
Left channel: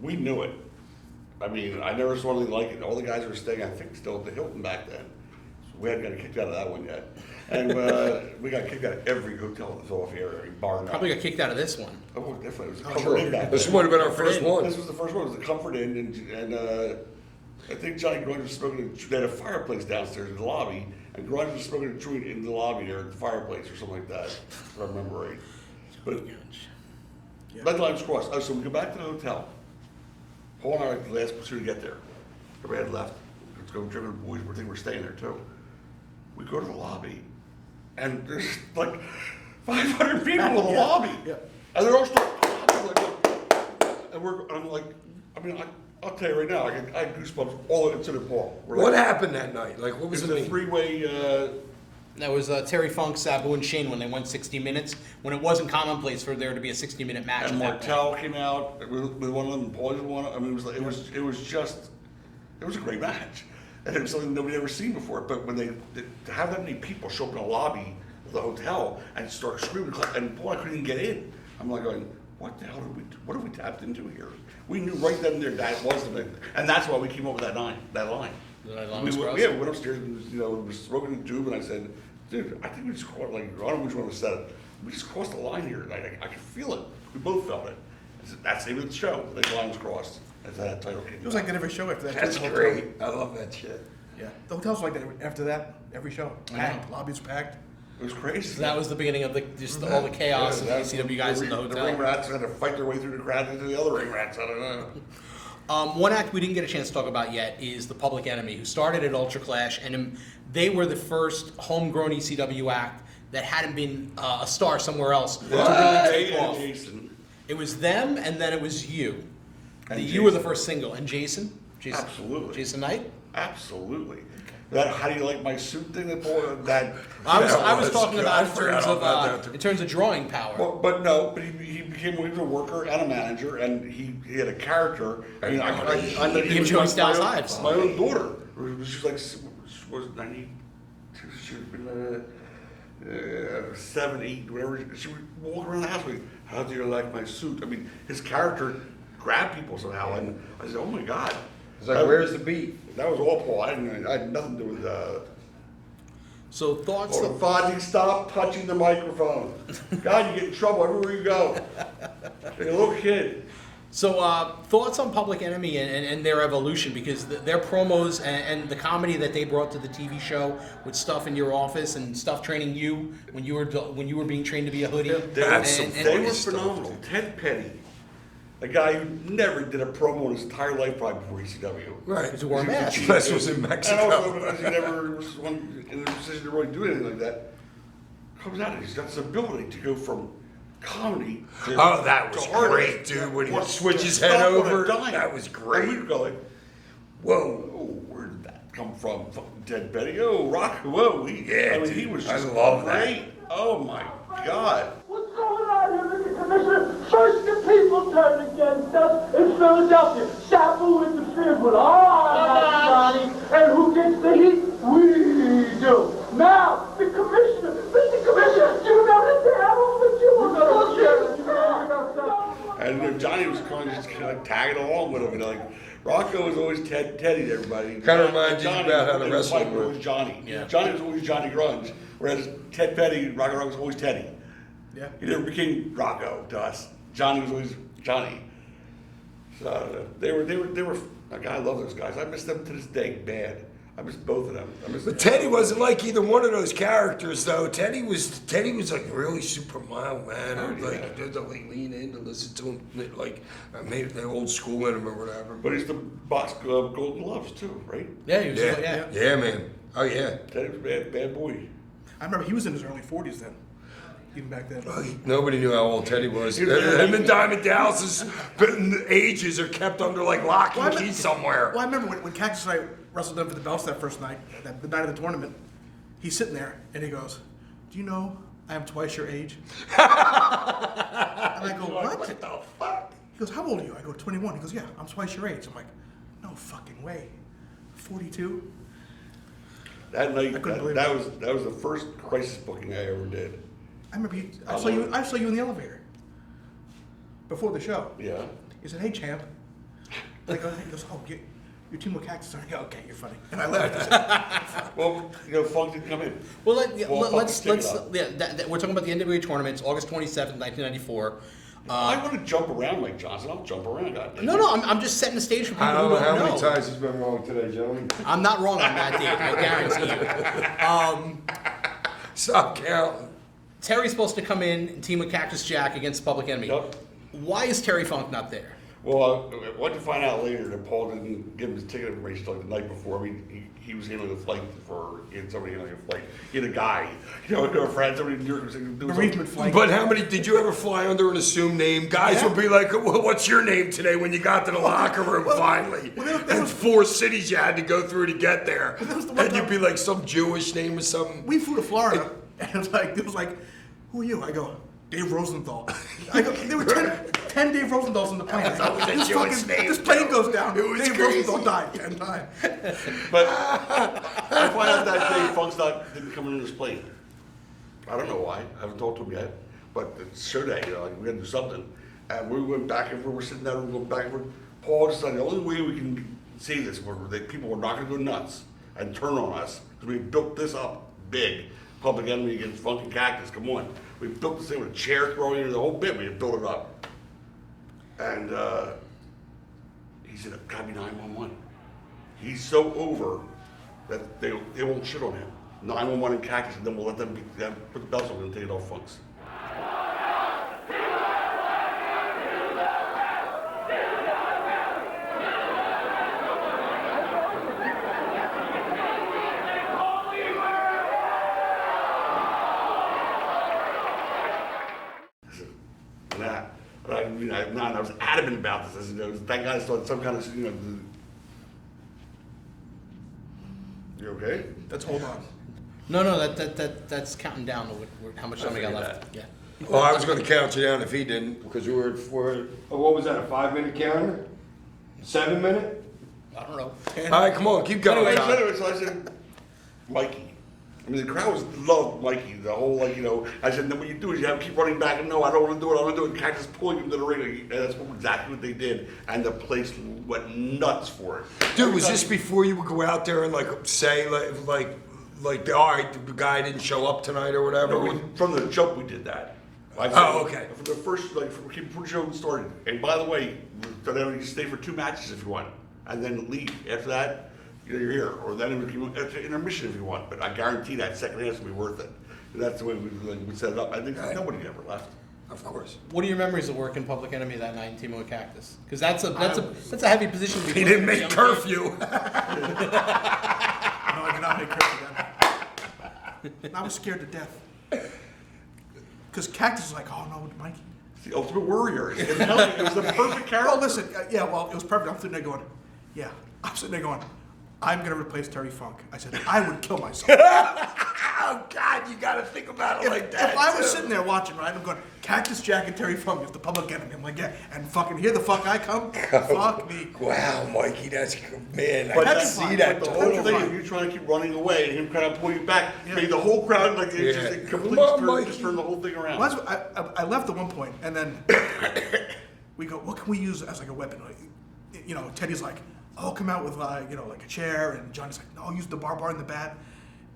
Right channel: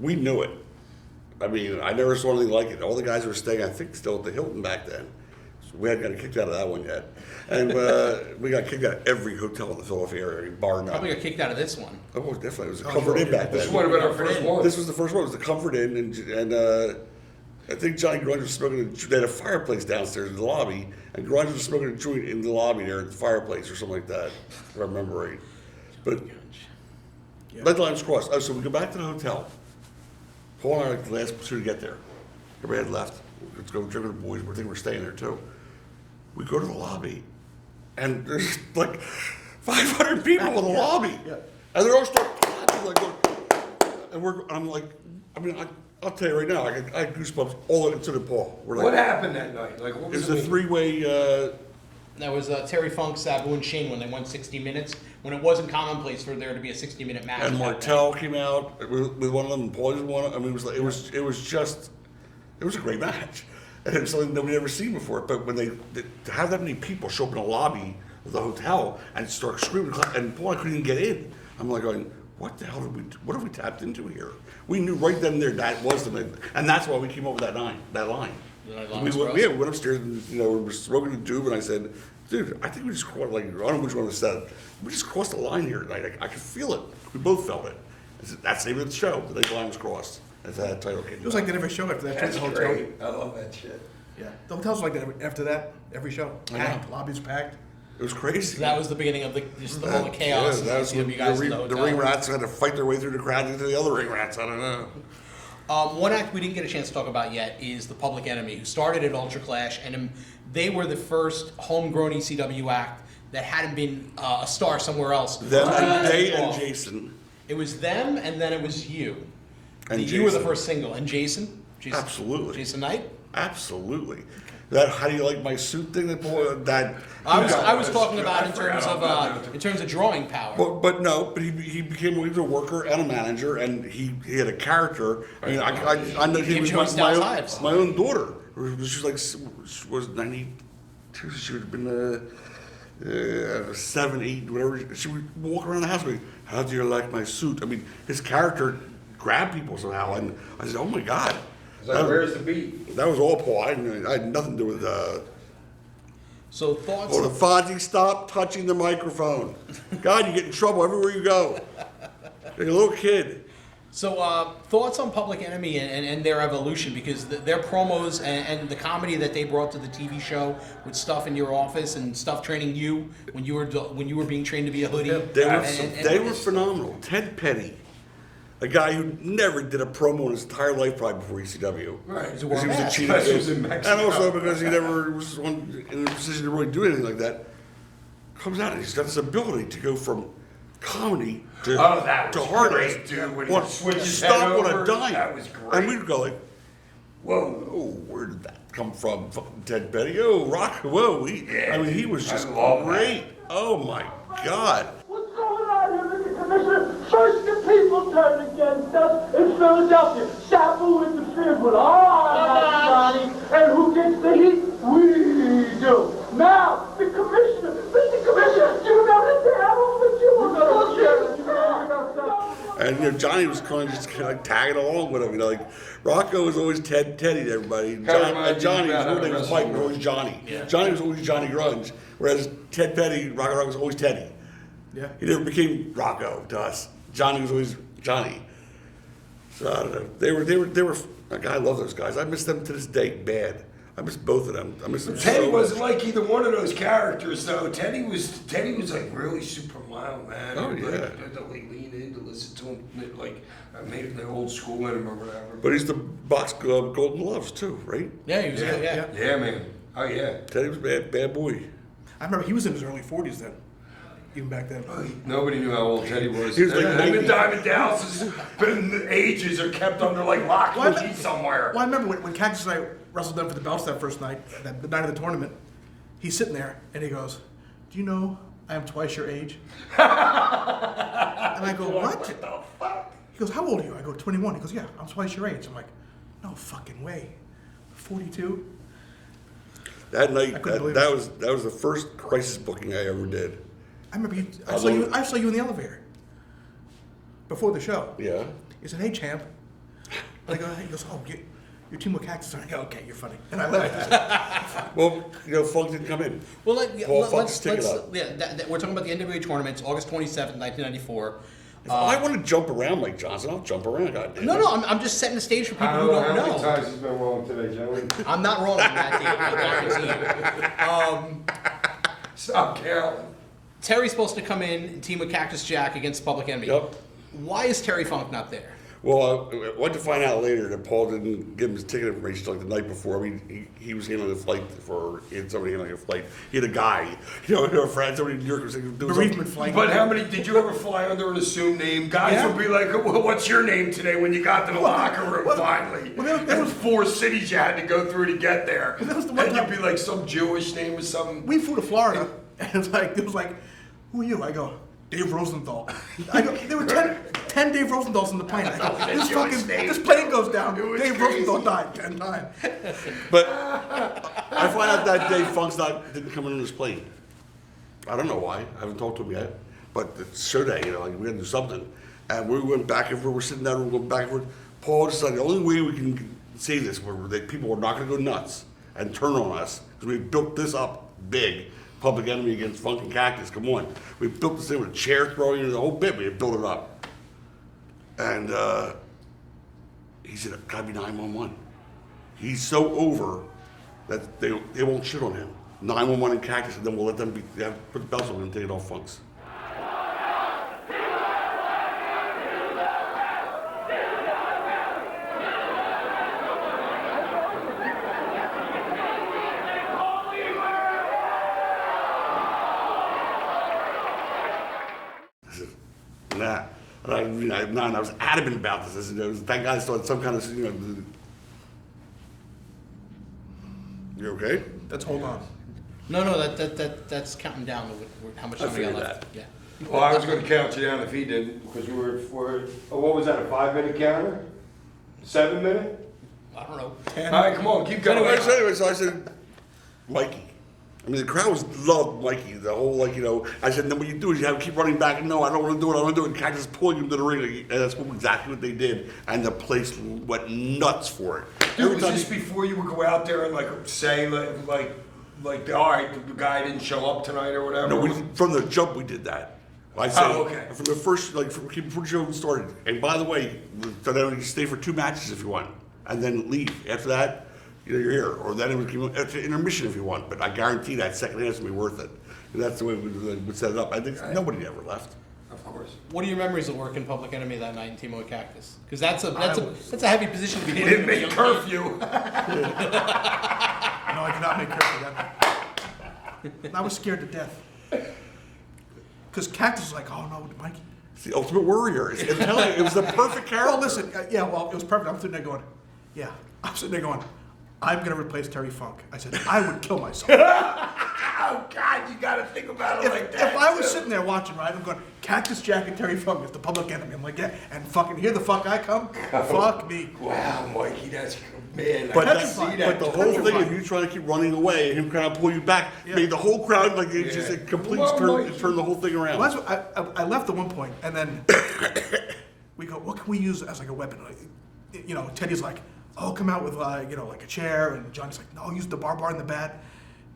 we knew it. I mean, I never saw anything like it. All the guys were staying, I think, still at the Hilton back then. So we hadn't gotten kicked out of that one yet. And we got kicked out of every hotel in the Philadelphia area, bar and Probably got kicked out of this one. Oh, definitely. It was a Comfort Inn back This then. would have been our first one. This was the first one. It was the Comfort Inn, and I think Johnny Grunge was smoking. They had a fireplace downstairs in the lobby, and Grunge was smoking a joint in the lobby there at the fireplace or something like that, if I remember right. But Night the Line Was Crossed. Oh, so we go back to the hotel. Paul and I were like the last two to get there. Everybody had left. Let's go drink with the boys. We think we're staying there too. We go to the lobby, and there's like 500 people in the lobby. Yeah. And they're all starting clapping, like, I'm like, I'll tell you right now, I had goosebumps all into the Paul. What happened that night? Like, what It was was the a meeting? three-way, That was Terry Funk, Sabu, and Shane when they went 60 minutes, when it wasn't commonplace for there to be a 60-minute match. and at that point. Martel came out with one of them, and Paul was one of them. I mean, it was a great match. And it was something nobody had ever seen before. But when to have that many people show up in a lobby of the hotel and start screaming, and Paul, I couldn't even get in. I'm like going, what the hell what have we tapped into here? We knew right then and there that was the thing. And that's why we came up with that line. The Night the Line Was We Crossed? went upstairs and, we were smoking the tube, and I said, dude, I think we just crossed, like, I don't know which one of us said it. We just crossed the line here tonight. I could feel it. We both felt it. I said, that's the name of the show. The line was crossed. That's how that title came. It was like that every show after that. That's too, the hotel. great. I love that shit. Yeah, the hotels like that after that. Every show, I know. packed, lobbies packed. It was crazy. So that was the beginning of all the chaos and the ECW guys in the hotel. The ring rats had to fight their way through the crowd into the other ring rats. I don't know. One act we didn't get a chance to talk about yet is the Public Enemy, who started at Ultra Clash, and they were the first homegrown ECW act that hadn't been a star somewhere else. They and Jason. It was them, and then it was you. And You were the Jason. first single, and Jason. Absolutely. Jason Knight. Absolutely. That how do you like my suit thing that I was that's talking good. about I forgot all about that. in terms of drawing power. But he became a worker and a manager, and he had a character. I mean, I know He enjoys my Styles' own- lives. My own daughter, she was 92. She would have been 7, 8, whatever. She would walk around the house going, "How do you like my suit?" I mean, his character grabbed people somehow, and I said, "Oh my God." It's like, where's the beat? That was all Paul. I had nothing to do with. So thoughts. Oh, the Fonzie, stop touching the microphone. God, you get in trouble everywhere you go. You're a little kid. So thoughts on Public Enemy and their evolution, because their promos and the comedy that they brought to the TV show with stuff in your office and stuff training you when you were being trained to be a hoodie. They were phenomenal. Ted Petty, a guy who never did a promo in his entire life probably before ECW. Right. Because he wore a Because mask. he was Especially a was in cheat. Mexico. And also because he never was in a position to really do anything like that. Comes out and he's got this ability to go from comedy to, Oh, that was to hardest. great, dude. When he What, switched his stop head on a over, dime. that was great. And we'd go like, whoa, oh, where did that come from? Fucking Ted Petty. Oh, Rock, whoa. I mean, he was I just love great. Oh my God. What's going on here, Mr. Commissioner? First the people turned against us in Philadelphia. Sabu interfered with our Johnny, and who gets the heat? We do. Now, the Commissioner, Mr. Commissioner, you know the devil, but you were bullshit. And Johnny was kind of just like tagging along with him. Like Rocco was always Teddy to everybody. Kinda reminds you Johnny about how was to always, wrestle Mike was always Johnny. Yeah. Johnny was always Johnny Grunge, whereas Ted Petty, Rocco was always Teddy. Yeah. He never became Rocco to us. Johnny was always Johnny. So I don't know. They were. Like, I love those guys. I miss them to this day bad. I miss both of them. I miss them. Teddy wasn't like either one of those characters, though. Teddy was like really super mild, man. Oh, Like, yeah. you had to like lean in to listen to him, like maybe the old school in him or whatever. But he's the box Golden Gloves too, right? Yeah, he was. Yeah, yeah, man. Oh yeah. Teddy was a bad boy. I remember he was in his early 40s then, even back then. Nobody knew how old Teddy was. He was like Him and Diamond Dallas has been ages are kept under like lock and key somewhere. Well, I remember when Cactus and I wrestled them for the belts that first night, the night of the tournament. He's sitting there and he goes, "Do you know I am twice your age?" And I go, "What?" What the fuck? He goes, "How old are you?" I go, "21." He goes, "Yeah, I'm twice your age." I'm like, "No fucking way." 42? That night, I couldn't believe that it. was the first crisis booking I ever did. I remember you. I I saw you in the elevator before the show. Yeah. He said, "Hey, champ." And I go, he goes, "Oh, your team with Cactus." I go, "Okay, you're funny." And I left. Well, Funk didn't come in. Well, Paul let's fucked his ticket up. we're talking about the NWA tournaments, August 27th, 1994. I want to jump around like Johnson. I'll jump around. goddamn. No, I'm just setting the stage for people I who don't know don't how many know. times he's been wrong today, Joey. I'm not wrong on that date, I guarantee you. Stop counting. Terry's supposed to come in and team with Cactus Jack against Public Enemy. Yep. Why is Terry Funk not there? Well, what you find out later that Paul didn't give him his ticket information like the night before. I mean, he was handling a flight he had somebody handling a flight. He had a guy, a friend, somebody in New York was doing Bereavement something. flight. But how many did you ever fly under an assumed name? Guys Yeah. would be like, well, "What's your name today?" When you got to the locker room finally. There was 4 cities you had to go through to get there, that was the one and you'd time- be like some Jewish name or something. We flew to Florida, and it was like, "Who are you?" I go, "Dave Rosenthal." I go, there were 10 Dave Rosenthal's on the plane. I go, That was a this Jewish fucking name. this plane goes down. It was Dave crazy. Rosenthal died 10 times. But I find out that day Funk's didn't come in his plane. I don't know why. I haven't talked to him yet. But it's show day, like we gotta do something. And we went back and forth. We're sitting down. We're going back and forth. Paul decided the only way we can see this, where that people were not gonna go nuts and turn on us, because we built this up big. Public Enemy against Funk and Cactus. Come on, we built this thing with a chair throwing in the whole bit. We had built it up. And he said, "It gotta be 911." He's so over that they won't shit on him. 911 and Cactus, and then we'll let them put the belts on and take it off Funk's. I was adamant about this. Thank God I started some kind of, You okay? Let's hold on. No, that's counting down to how much time we got figured left. that. Yeah. Well, I was going to count you down if he didn't, because we were what was that, a 5-minute counter? 7-minute? I don't know. All right, come on, keep going. Anyway, so I said, Mikey. I mean, the crowd loved Mikey. The whole, I said, then what you do is you have to keep running back. And no, I don't want to do it. I want to do it. And Cactus pulling him to the ring. And that's exactly what they did. And the place went nuts for it. Dude, was this before you would go out there and say all right, the guy didn't show up tonight or whatever? No, from the jump we did that. I said, okay. From the first, before the show started. And by the way, so then you stay for 2 matches if you want, and then leave. After that, you're here. Or then it would after intermission if you want. But I guarantee that second half's gonna be worth it. And that's the way we would set it up. I think nobody ever left. Of course. What are your memories of working Public Enemy that night in Team with Cactus? Because that's a heavy position to be He in. didn't make curfew. No, I did not make curfew that night. I was scared to death. Because Cactus was like, "Oh no, Mikey." It's the ultimate warrior. It was the perfect character. Well, listen, it was perfect. I'm sitting there going, "I'm going to replace Terry Funk." I said, "I would kill myself." Oh, God, you got to think about it like that. If I was sitting there watching, right, I'm going, Cactus Jack and Terry Funk is the Public Enemy. I'm like, yeah, and fucking here the fuck I come. Fuck me. Wow, Mikey, that's man. But I can that's see that. But the whole thing of you trying to keep running away and him trying to pull you back made the whole crowd it just turned the whole thing around. Well, I left at one point, and then we go, what can we use as like a weapon? Teddy's like, "Oh, come out with like a chair," and Johnny's like, "No, use the bar and the bat."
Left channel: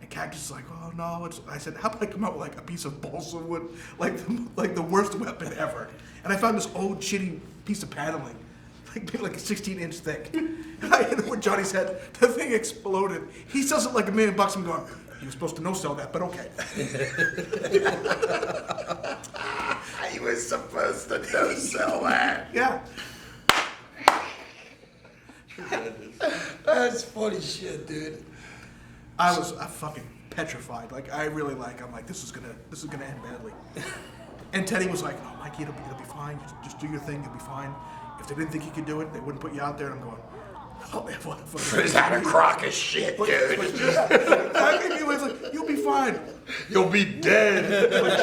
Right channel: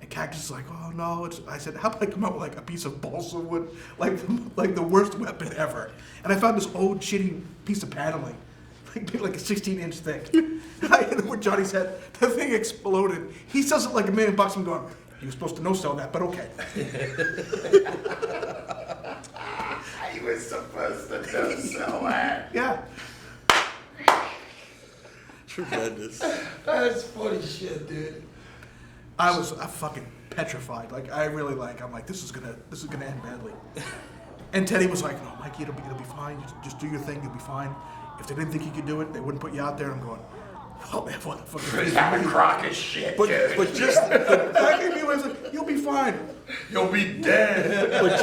And Cactus is like, "Oh no!" I said, "How about I come out with like a piece of balsa wood, like the worst weapon ever?" And I found this old shitty piece of paneling. like a 16-inch thick. And I hit it with Johnny's head. The thing exploded. He says it like $1 million. I'm going, you were supposed to no-sell that, but okay. He was supposed to no-sell that. Yeah. Tremendous. That's funny shit, dude. I fucking petrified. Like I really I'm like, this is gonna end badly. And Teddy was like, no, Mikey, it'll be fine. Just do your thing, you'll be fine. If they didn't think you could do it, they wouldn't put you out there. And I'm going, oh man, what fucking It's not a crock of shit, dude. But just, Mikey was like, you'll be fine. You'll be dead. but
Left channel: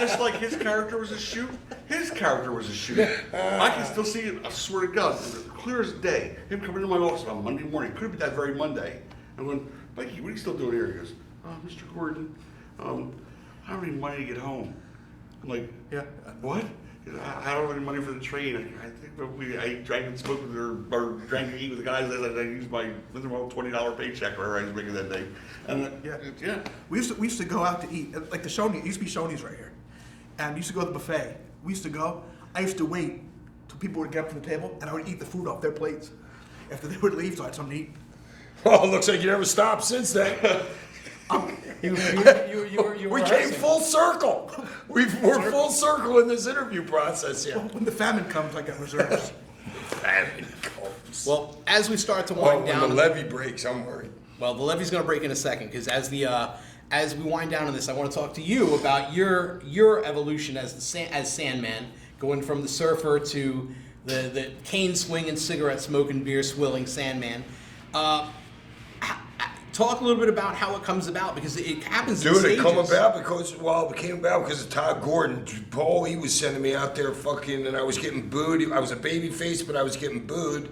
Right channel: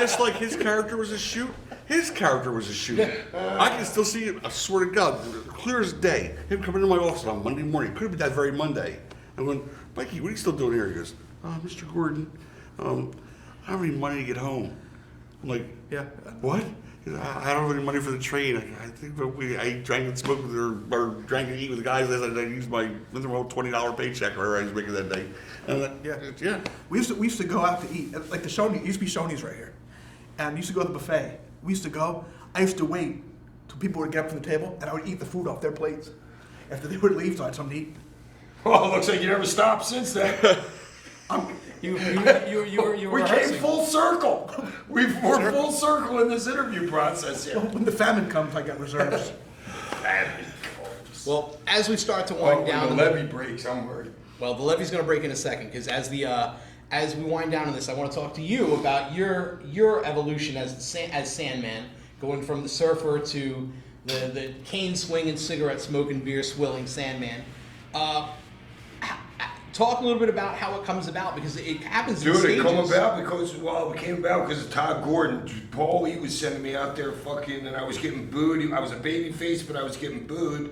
just like his character was a shoot, his character was a shoot. I can still see it. I swear to God, clear as day. Him coming into my office on Monday morning. Could have been that very Monday. I'm going, Mikey, what are you still doing here? He goes, Mr. Gordon, I don't have any money to get home. I'm like, Yeah. what? He goes, I don't have any money for the train. I think I drank and smoked with or drank and eat with the guys. I used my $20 paycheck or whatever I was making that day. And I'm like, yeah. We used to go out to eat. Like the Shoney's, used to be Shoney's right here. And we used to go to the buffet. We used to go. I used to wait till people would get up from the table, and I would eat the food off their plates. After they would leave, so I had something to eat. Well, looks like you never stopped since then. You were We came rehearsing. full circle. We're full circle in this interview process here. When the famine comes, I got reserves. Well, as we start to Well, wind when down, the levee breaks, I'm worried. well, the levee's going to break in a second because as we wind down on this, I want to talk to you about your evolution as Sandman, going from the surfer to the cane swinging, cigarette smoking, beer swilling Sandman. Talk a little bit about how it comes about because it happens in Dude, stages. it came about because of Todd Gordon. Paul, he was sending me out there fucking, and I was getting booed. I was a baby face, but I was getting booed.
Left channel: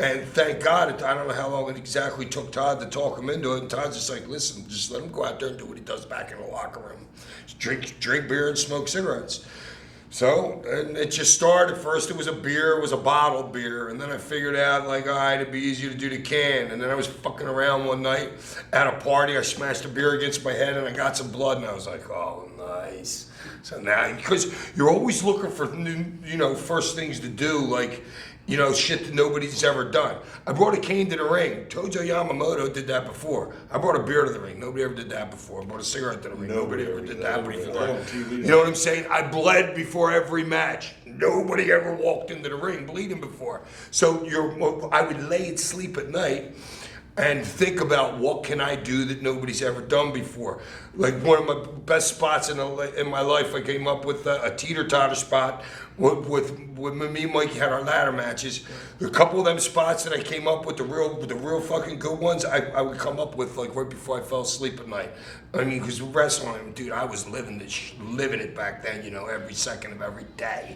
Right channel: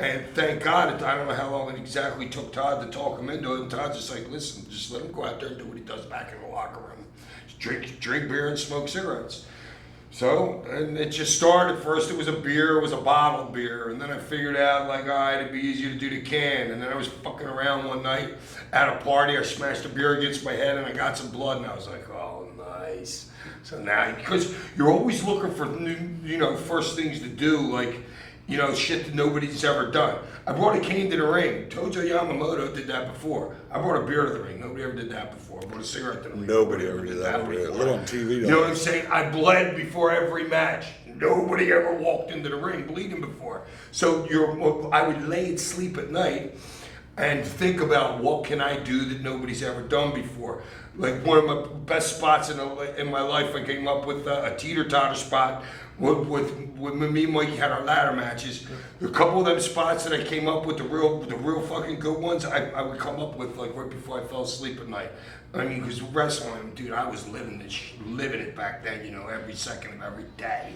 And thank God, I don't know how long it exactly took Todd to talk him into it. And Todd's just like, listen, just let him go out there and do what he does back in the locker room. Just drink beer and smoke cigarettes. So, and it just started. First it was a beer, it was a bottled beer. And then I figured out, like, all right, it'd be easier to do the can. And then I was fucking around one night at a party. I smashed a beer against my head and I got some blood. And I was like, oh, nice. So now, because you're always looking for new, first things to do, like, shit that nobody's ever done. I brought a cane to the ring. Tojo Yamamoto did that before. I brought a beer to the ring. Nobody ever did that before. I brought a cigarette to the ring. Nobody ever did that before. On TV, You know what I'm saying? I bled before every match. Nobody ever walked into the ring bleeding before. So I would lay and sleep at night and think about what can I do that nobody's ever done before. Like one of my best spots in my life, I came up with a teeter-totter spot with me and Mikey had our ladder matches. A couple of them spots that I came up with, the real fucking good ones, I would come up with like right before I fell asleep at night. I mean, because wrestling, dude, I was living it back then, every second of every day.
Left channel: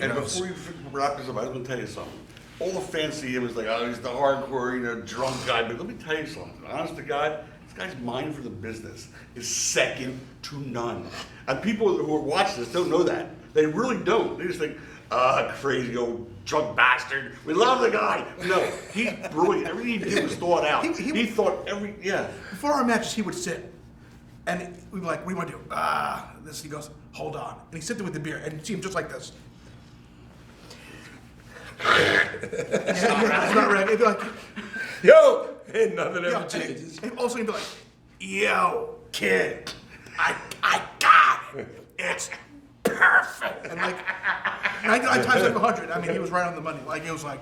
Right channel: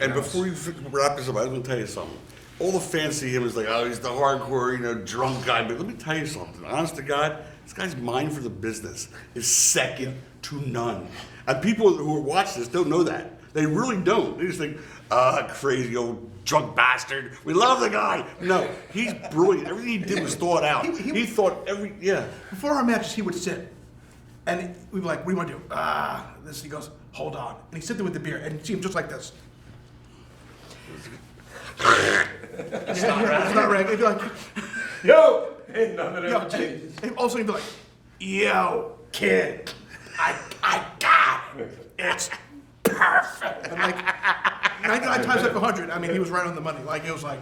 And before you wrap this up, I was going to tell you something. All the fans see him as like, oh, he's the hardcore, drunk guy. But let me tell you something. Honest to God, this guy's mind for the business is second to none. And people who are watching this don't know that. They really don't. They just think, crazy old drunk bastard. We love the guy. No, he's brilliant. Everything he did was thought out. He thought Before our matches, he would sit. And we'd be like, what do you want to do? This. He goes, hold on. And he'd sit there with the beer. And you'd see him just like this. It's not right. He'd be like, Yo! And nothing ever changes. and all of a sudden he'd be like, yo, kid, I got it. It's perfect. And like 99 times out of 100, I mean, he was right on the money. Like, it was like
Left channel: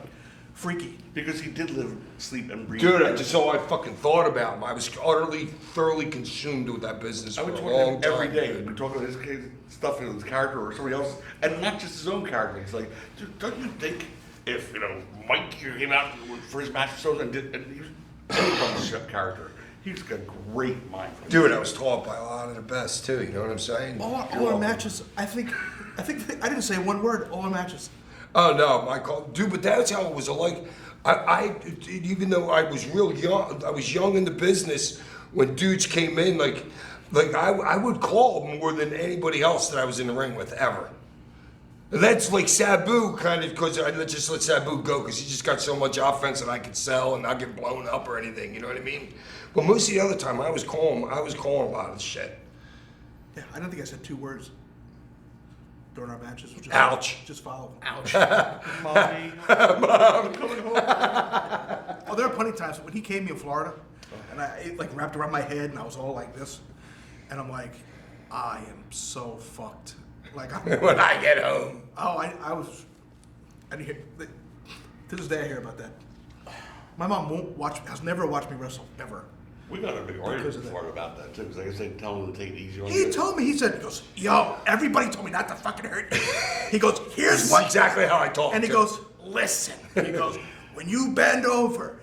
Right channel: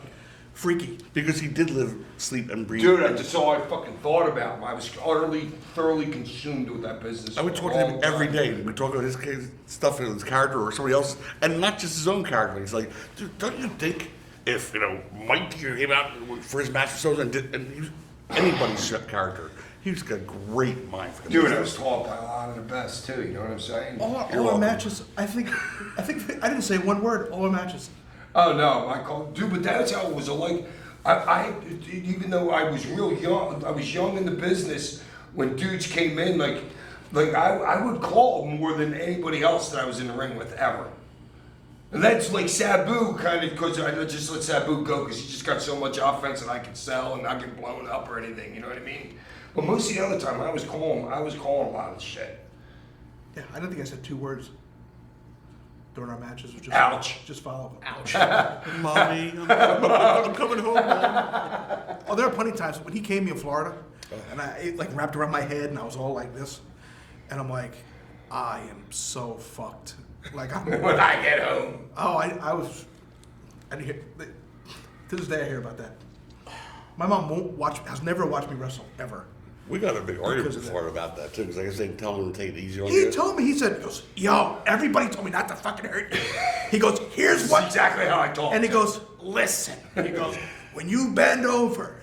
freaky. because he did live, sleep, and breathe. Dude, that's all I fucking thought about him. I was thoroughly consumed with that business. I would for talk a to him long every time. day. We talk about his stuff and his character or somebody else's, and not just his own character. He's like, dude, don't you think if Mike came out for his match and he was anybody's character, he's got a great mind for Dude, I was taught by a lot of the best too. You know what I'm saying? All our matches, I think I didn't say one word. All our matches. Oh no, dude, but that's how it was. Like, I even though I was real young, I was young in the business when dudes came in. Like I would call more than anybody else that I was in the ring with ever. And that's like Sabu kind of, because I just let Sabu go because he just got so much offense that I could sell and not get blown up or anything. You know what I mean? But most of the other time, I was calling a lot of shit. Yeah, I don't think I said 2 words. during our matches. Just, Ouch. Just follow. Ouch. Mommy, I'm coming home. Oh, there are plenty of times when he came to Florida, and it like wrapped around my head, and I was all like this, and I'm like, I am so fucked. Like When I get home. Oh, I was. And to this day, I hear about that. My mom has never watched me wrestle ever. We got a big argument Because of before about that too, because like I said, tell him to take it easy on He you. told me. He goes, yo, everybody told me not to fucking hurt you. He goes, here's That's what. exactly how I talk. And he too. goes, listen. He goes, when you bend over,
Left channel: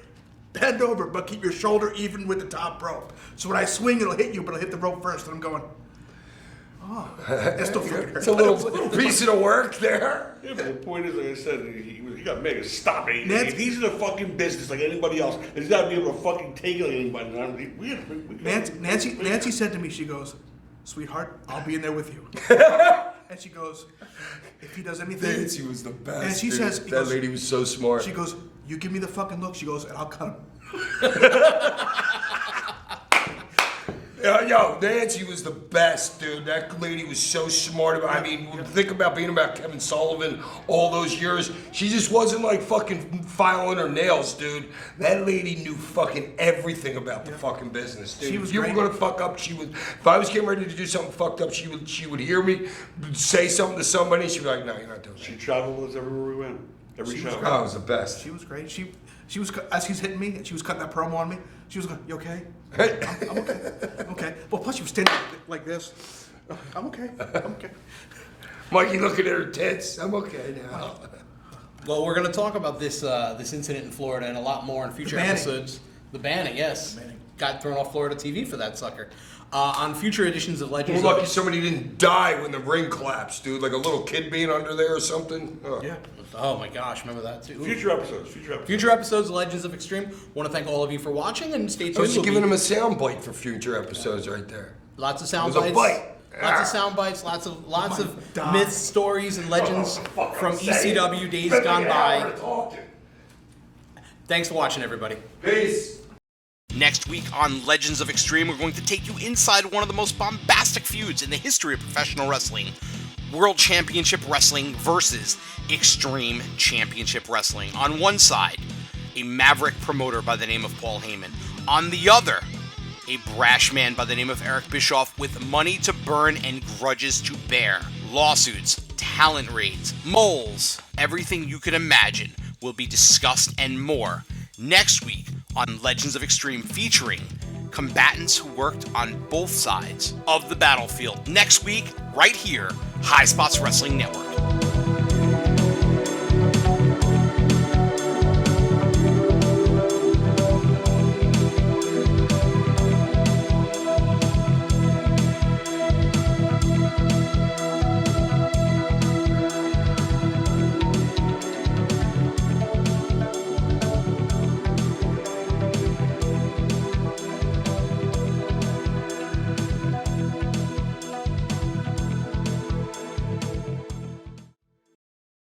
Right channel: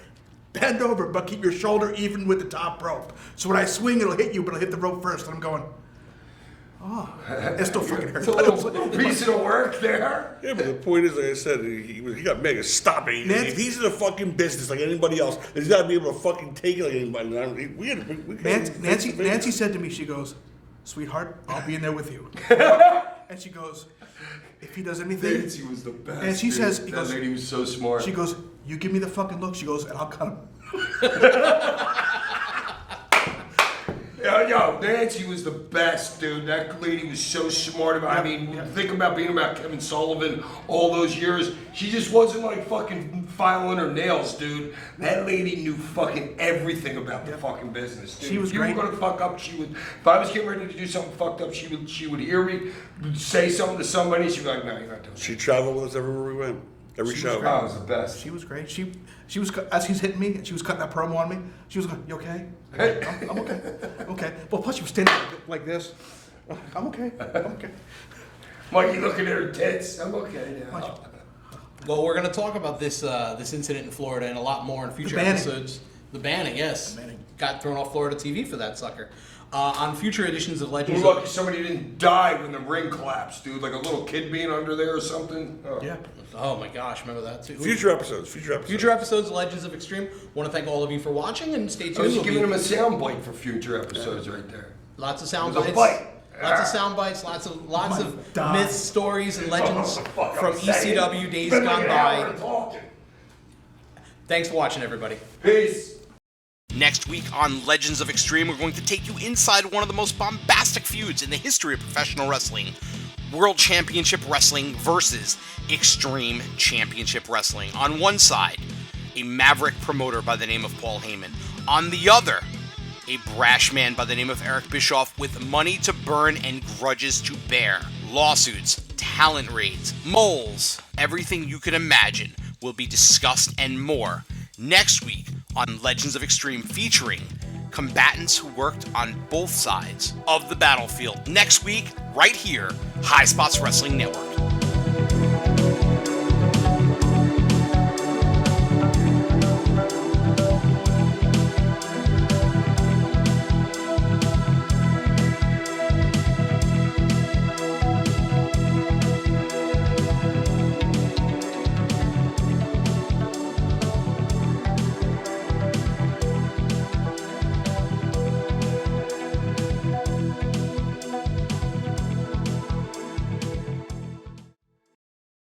but keep your shoulder even with the top rope. So when I swing, it'll hit you, but it'll hit the rope first. And I'm going, oh, it still fucking hurts. It's a little piece of the work there. Yeah, but the point is, like I said, he got mega. Stop it. He's in a fucking business like anybody else. And he's got to be able to fucking take it like anybody. Nancy said to me, she goes, sweetheart, I'll be in there with you. And she goes, if he does anything. Nancy was the best. And she says, that lady was so smart. She goes, you give me the fucking look. She goes, and I'll cut him. Yo, Nancy was the best, dude. That lady was so smart. Think about being about Kevin Sullivan all those years. She just wasn't like fucking filing her nails, dude. That lady knew fucking everything about the fucking business, dude. She was if you great. were gonna fuck up, she would. If I was getting ready to do something fucked up, she would hear me, say something to somebody. She'd be like, "No, you're not doing it." She traveled with us everywhere we went. Every She show. was Oh, it was the best. She was great. She was, as he's hitting me, and she was cutting that promo on me. She was going, you okay? I'm okay. Okay. Well, plus she was standing like this. I'm okay. I'm okay. Mikey looking at her tits. I'm okay now. Well, we're going to talk about this incident in Florida and a lot more in future episodes. The banning, yes. The banning. Got thrown off Florida TV for that sucker. On future editions of Legends We're of... lucky somebody didn't die when the ring collapsed, dude. Like a little kid being under there or something. Oh. Yeah. Oh my gosh, remember that too. Future episodes. Future episodes of Legends of Extreme. Want to thank all of you for watching and stay tuned. I was We'll giving be- him a sound bite for future episodes right there. Lots of sound It was a bites. bite. Lots of sound bites. Lots of Die. myths, stories, and legends from ECW days gone by. Thanks for watching, everybody. Peace. Next week on Legends of Extreme, we're going to take you inside one of the most bombastic feuds in the history of professional wrestling. World Championship Wrestling versus Extreme Championship Wrestling. On one side, a maverick promoter by the name of Paul Heyman. On the other, a brash man by the name of Eric Bischoff with money to burn and grudges to bear. Lawsuits, talent raids, moles, everything you can imagine will be discussed and more next week on Legends of Extreme, featuring combatants who worked on both sides of the battlefield. Next week, right here, High Spots Wrestling Network.